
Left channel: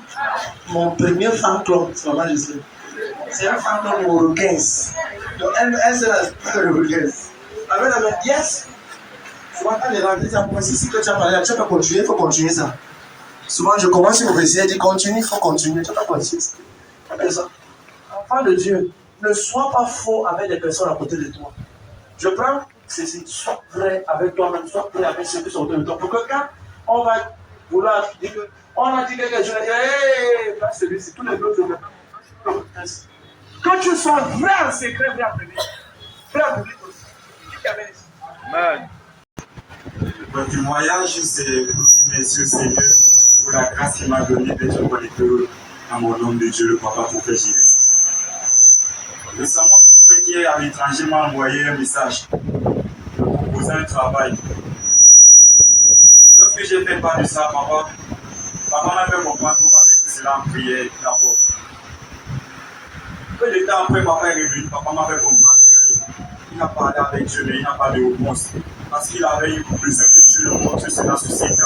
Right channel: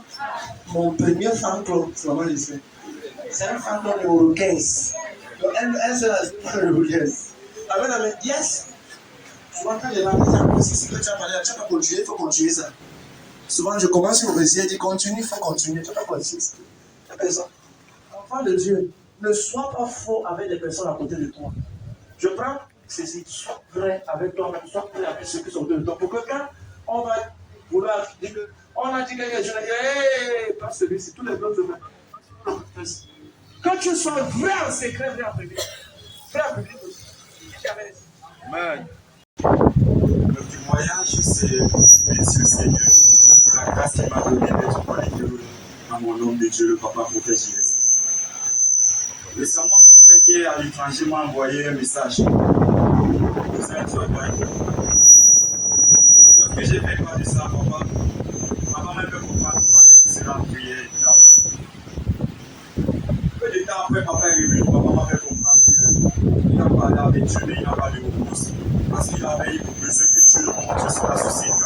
mon premier fan club, c'est maman Gisèle. C'est un fan club numéro 15. Donc elle c'est la numéro 15. Amen, amen. Yes. Souvent quand les gens disent si que tu as parlé, tu vas continuer, il faut continuer ça. Souvent je commence une récit, elle dit continue, il faut continuer, tu vas continuer ça. C'est ça. Enfant de Dieu, ne sois pas faux avec les personnes à côté de toi. Je prends ceci, sois vrai avec toi-même, sois vrai avec ceux qui sont autour de toi. Pour que quand on va vouloir dire que on a dit quelque chose, pas celui-ci, tous les autres. Que tu sois vrai en secret, vrai en public. Vrai en public aussi. Amen. Mon témoignage, c'est aussi merci au Seigneur pour la grâce qu'il m'a donnée d'être connecté à mon homme de Dieu, le papa prophète Gilles. Récemment, mon frère qui est à l'étranger m'a envoyé un message pour un travail. Lorsque j'ai fait part de ça, papa m'a fait comprendre comment mettre cela en prière d'abord. Peu de temps après, papa est revenu, papa m'a fait comprendre qu'il a parlé avec Dieu, mais il n'a pas de réponse. Parce qu'il avait eu besoin que Dieu le montre sur la société.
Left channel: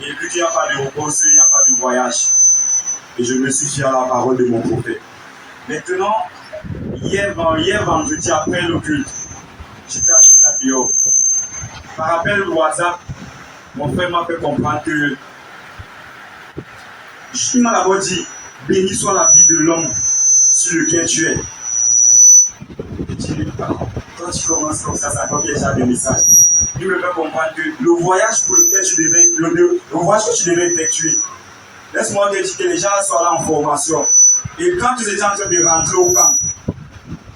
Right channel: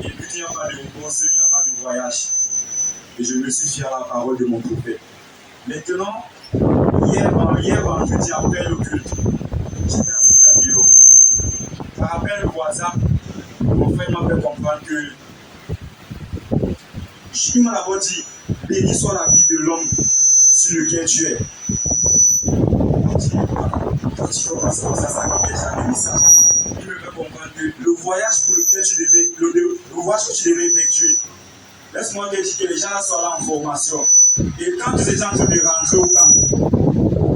Et vu qu'il n'y a pas de réponse, il n'y a pas de voyage. Et je me suis fié à la parole de mon prophète. Maintenant, hier vendredi après le culte, j'étais assis là dehors. Par rappel au WhatsApp, mon frère m'a fait comprendre que il m'a d'abord dit, béni soit la vie de l'homme sur lequel tu es. Je dis, quand tu commences comme ça comme déjà des messages. Il me fait comprendre que le voyage pour lequel tu devais, le voyage que tu devais effectuer, laisse-moi te dire que les gens soient là en formation. Et quand ils étaient en train de rentrer au camp,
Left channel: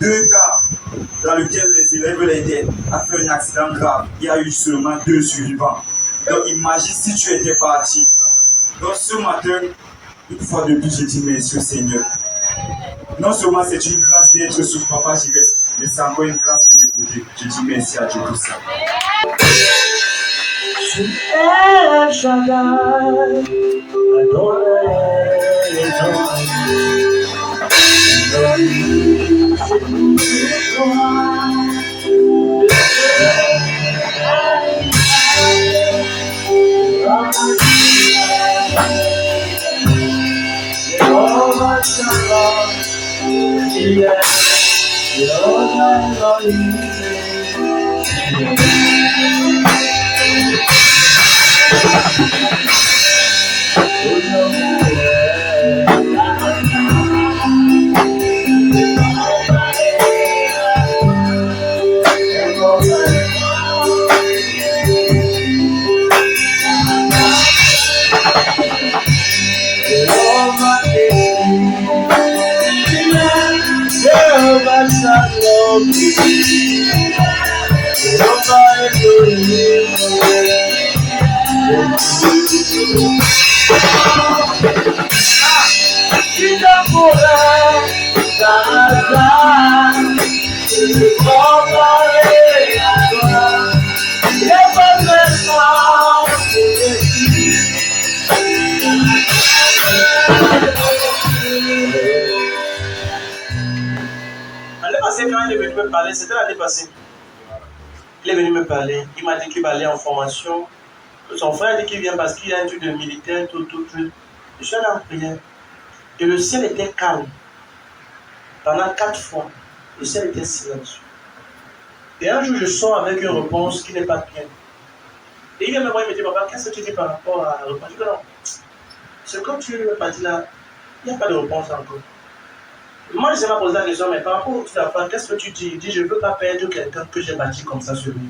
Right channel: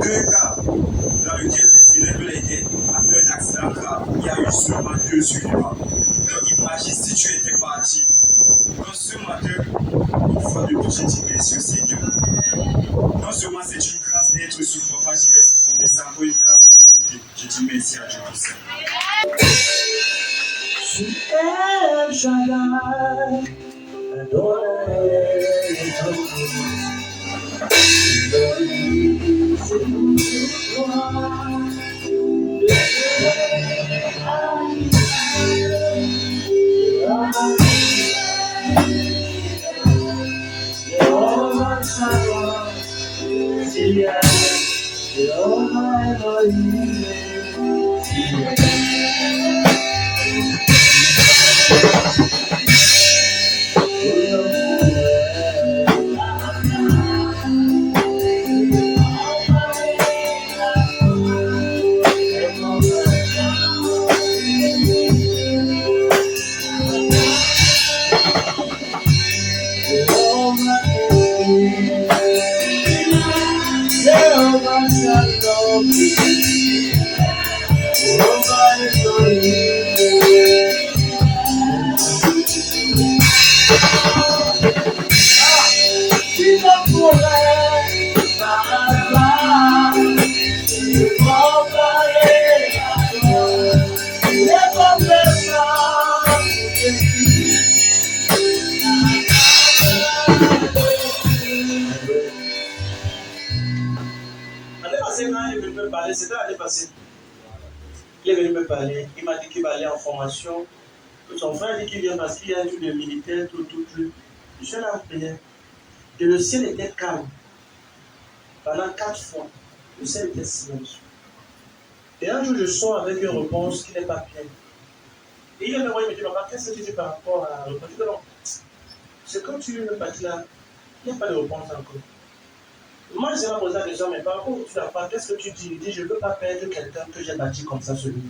2 cas dans lesquels les élèves l'aidaient à faire un accident grave, il y a eu seulement 2 survivants. Donc imagine si tu étais parti. Donc ce matin, une fois de plus, je dis merci au Seigneur. Non seulement c'est une grâce d'être sous Papa Jires, mais c'est encore une grâce de m'écouter. Je dis merci à Dieu pour ça. El Shaddai, quand il est venu me parler, c'était l'année passée. Il est venu me parler, il m'a dit qu'il va aller en formation. Son frère dit qu'il vient parce qu'il y a un truc de militaire, tout. Je suis allé en prière. Et le ciel était calme. Pendant 4 fois, le ciel était silencieux. Et un jour, je sors avec une réponse qui n'est pas bien. Et il vient me voir et me dit, papa, qu'est-ce que tu dis par rapport à la réponse? Je dis, non, c'est comme tu m'as dit là, il n'y a pas de réponse encore. Moi, je m'ai posé la question, mais par rapport au truc d'affaires, qu'est-ce que tu dis? Il dit, je ne veux pas perdre quelqu'un que j'ai bâti comme ça sur lui.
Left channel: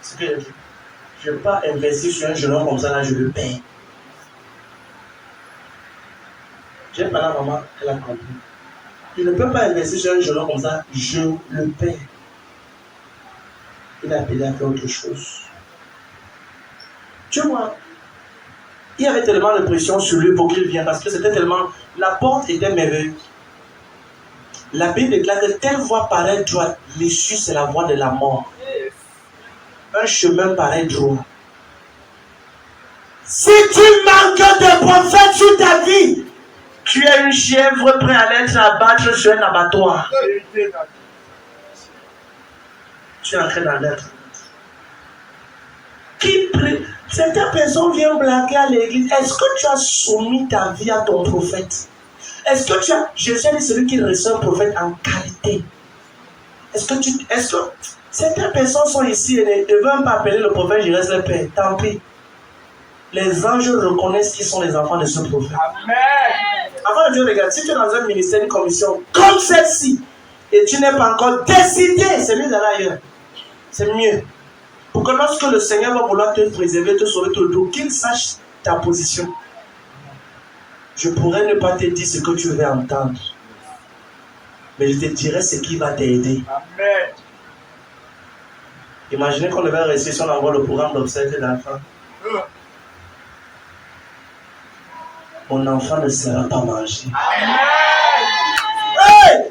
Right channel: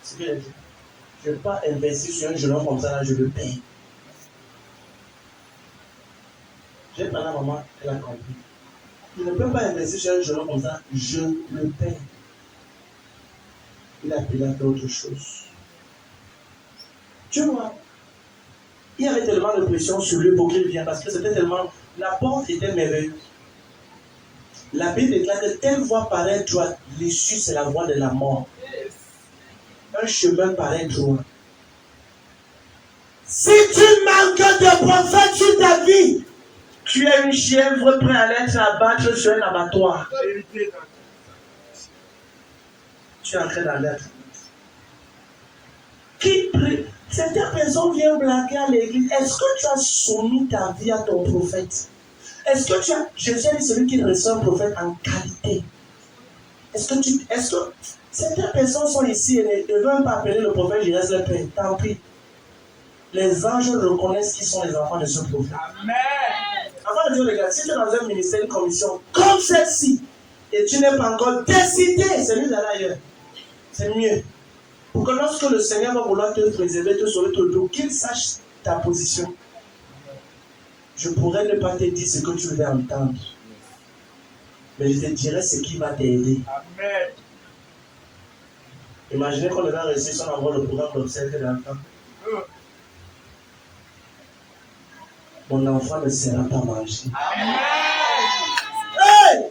C'est ce que j'ai dit. Je ne veux pas investir sur un jeune homme comme ça, là, je le paye. J'ai parlé à maman, elle a compris. Je ne peux pas investir sur un jeune homme comme ça, je le paye. Il a payé à faire autre chose. Tu vois, il y avait tellement de pression sur lui pour qu'il vienne, parce que c'était tellement... La porte était merveilleuse. La Bible déclare que telle voie paraît droite, l'issue c'est la voie de la mort. Un chemin paraît droit. Si tu manques de prophètes sur ta vie, tu es une chèvre prêt à l'être abattre sur un abattoir. Tu es en train d'en être. Qui prie? Certaines personnes viennent blaguer à l'église. Est-ce que tu as soumis ta vie à ton prophète? Est-ce que tu as... Jésus a dit celui qui reçoit un prophète en qualité. Est-ce que certaines personnes sont ici et ne veulent pas appeler le prophète, je reste le père. Tant pis. Les anges reconnaissent qu'ils sont les enfants de ce prophète. Amen. Avant de Dieu, regarde, si tu es dans un ministère, une commission comme celle-ci, et tu n'es pas encore décidé, c'est mieux d'aller ailleurs. C'est mieux. Pour que lorsque le Seigneur va vouloir te préserver, te sauver tout le dos, qu'il sache ta position. Je pourrais ne pas te dire ce que tu veux entendre. Mais je te dirai ce qui va t'aider. Amen. Imaginez qu'on devait rester si on envoie le programme d'obsèques d'enfants. Mon enfant ne sera pas mangé. Amen. Hey!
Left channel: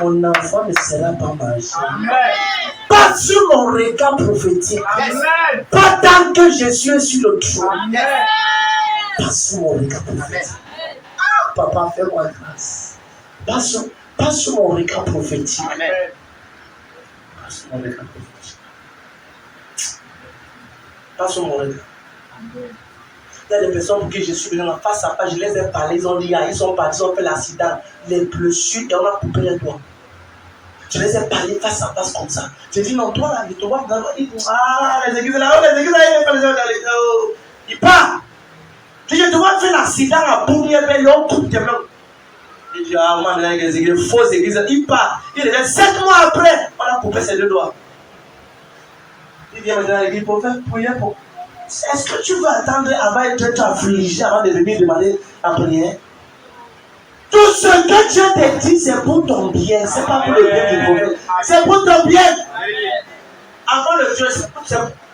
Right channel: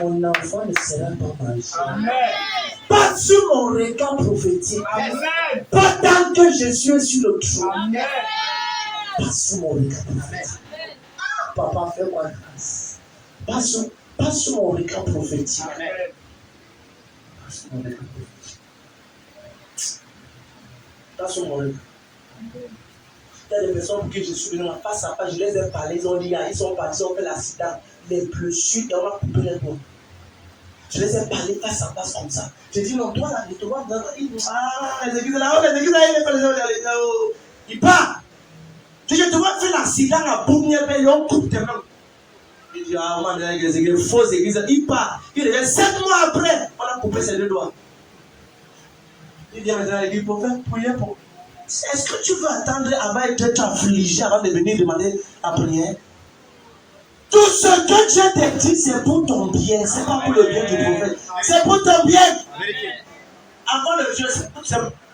Mon enfant ne sera pas mangé. Amen. Pas sur mon regard prophétique. Amen. Pas tant que je suis sur le trône. Amen. Pas sur mon regard prophétique. Ah, papa, fais-moi grâce. Pas sur mon regard prophétique. Amen. Pas sur mon regard prophétique. Pas sur mon regard. Il y a des personnes pour qui je suis venu en face à face, je les ai parlé, ils ont dit, ils sont partis, ils ont fait l'accident, les blessures, et on a coupé les doigts. Je les ai parlé face à face comme ça. J'ai dit, non, toi là, je te vois, ils disent, les églises là, il part. Je te vois faire l'accident à Bournier, et on coupe tes mains. Je dis, man, les églises, fausses églises, il part. Il est 7 mois après, on a coupé ses 2 doigts. Il vient me dire à l'église pour faire prier pour. Est-ce que tu veux attendre avant d'être affligé avant de venir demander la prière? Tout ce que Dieu te dit, c'est pour ton bien. C'est pas pour le bien du prophète. C'est pour ton bien. Avant le Dieu,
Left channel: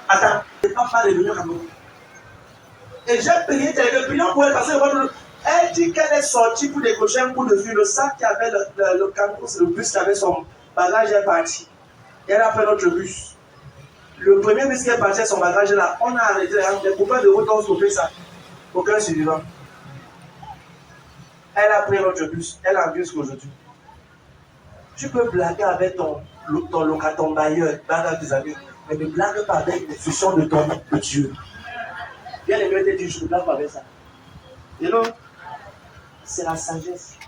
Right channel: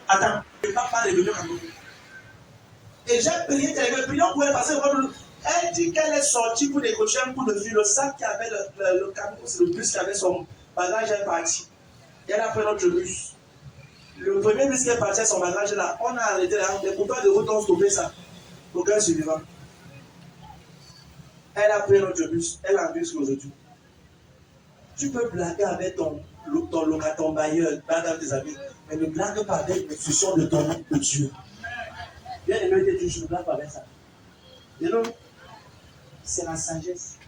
attends, je ne vais pas revenir à nous. Et j'ai prié, prions pour elle parce qu'elle dit qu'elle est sortie pour décocher un coup de fil. Le sac qui avait le bus qui avait son bagage est parti. Elle a pris notre bus. Le premier bus qui est parti, son bagage là, on a arrêté. Les copains de route ont stoppé ça. Aucun survivant. Elle a pris notre bus. Elle a un bus aujourd'hui. Tu peux blaguer avec ton locataire, ton bailleur, blague avec tes amis, mais ne blague pas avec les institutions de ton de Dieu. Bien les te dire, je ne blague pas avec ça. You know? C'est la sagesse.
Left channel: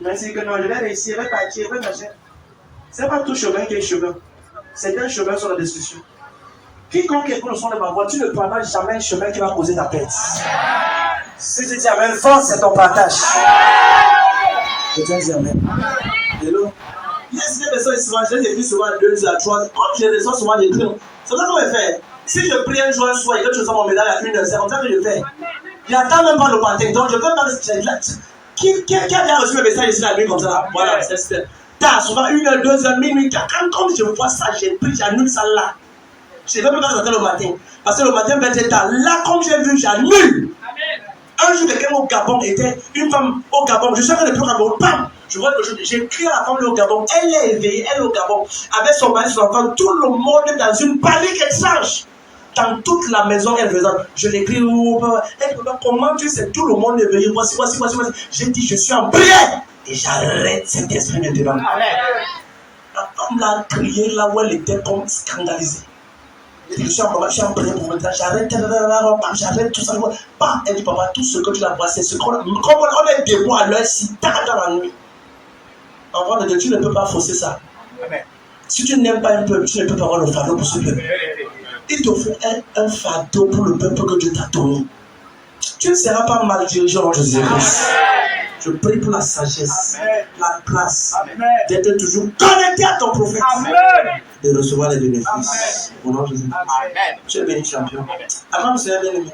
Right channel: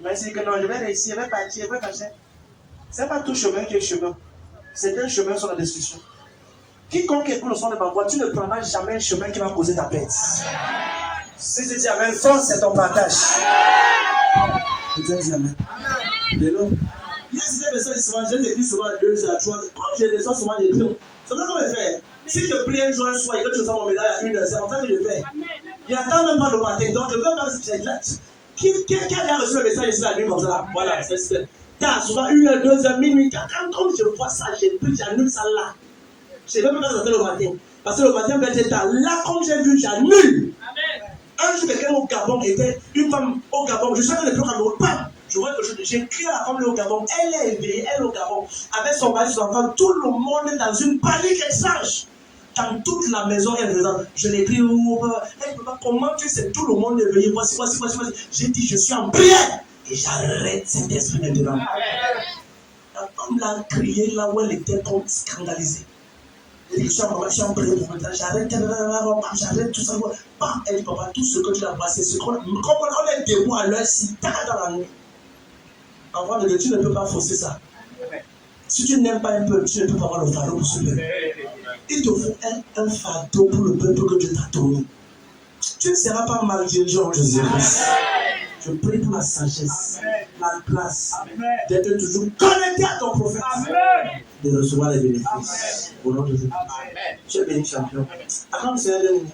Il va dire que non, je vais réussir, je vais partir, je vais marcher. Ce n'est pas tout chemin qui est chemin. Certains chemins sont la destruction. Quiconque écoute le son de ma voix, tu ne prendras jamais un chemin qui va causer ta perte. Si tu dis amen, force, c'est ton partage. Je te dis amen. Hello? Il y a des personnes souvent, je les écris souvent à 2 à 3. Quand j'ai des souvent, j'écris. C'est ça qu'on va faire. Si je prie un jour, un soir, et que tu reçois mon médaille à 1 heure, c'est comme ça que je fais. Il n'attend même pas le matin. Donc, je ne peux pas rester là. Qui a déjà reçu le message ici la nuit comme ça? Voilà, c'est super. T'as souvent 1 heure, 2 heures, minuit, 4 heures. Quand je vois ça, j'ai pris, j'annule ça là. Je ne vais même pas attendre le matin. Parce que le matin va être tard. Là, comme j'ai vu, j'annule. Un jour, quelqu'un au Gabon était une femme au Gabon. Je suis allé le Gabon. Bam! Je vois que j'ai crié à la femme au Gabon. Elle est éveillée, elle est au Gabon. Avec son mari, son enfant, tout le monde est dans une panique étrange. Dans toute la maison, elle faisait. Je l'écris. Elle me dit, comment tu sais, tout le monde est éveillé. Voici. J'ai dit, je suis en prière. Et j'arrête cet esprit de débat. La femme l'a crié là où elle était comme scandalisée. Je suis en prière pour maintenant, j'arrête tout ça. Elle dit, papa, tout ce que tu as bois, c'est ce qu'on a. Comme on est debout à l'heure si tard dans la nuit. En vrai de Dieu, tu ne peux pas forcer ça. Amen. Si tu n'aimes pas un peuple, tu ne peux pas avoir le fardeau pour ce peuple. Il te faut un fardeau pour le peuple que Dieu t'a donné. Tu ne seras pas mal dirigé en Jésus-Christ. Je prie pour la sagesse, la grâce, d'être toujours connecté à ton prophète, de recevoir les bénéfices. Au nom de Jésus. Tu es béni, champion. Avant, monsieur, bien aimé.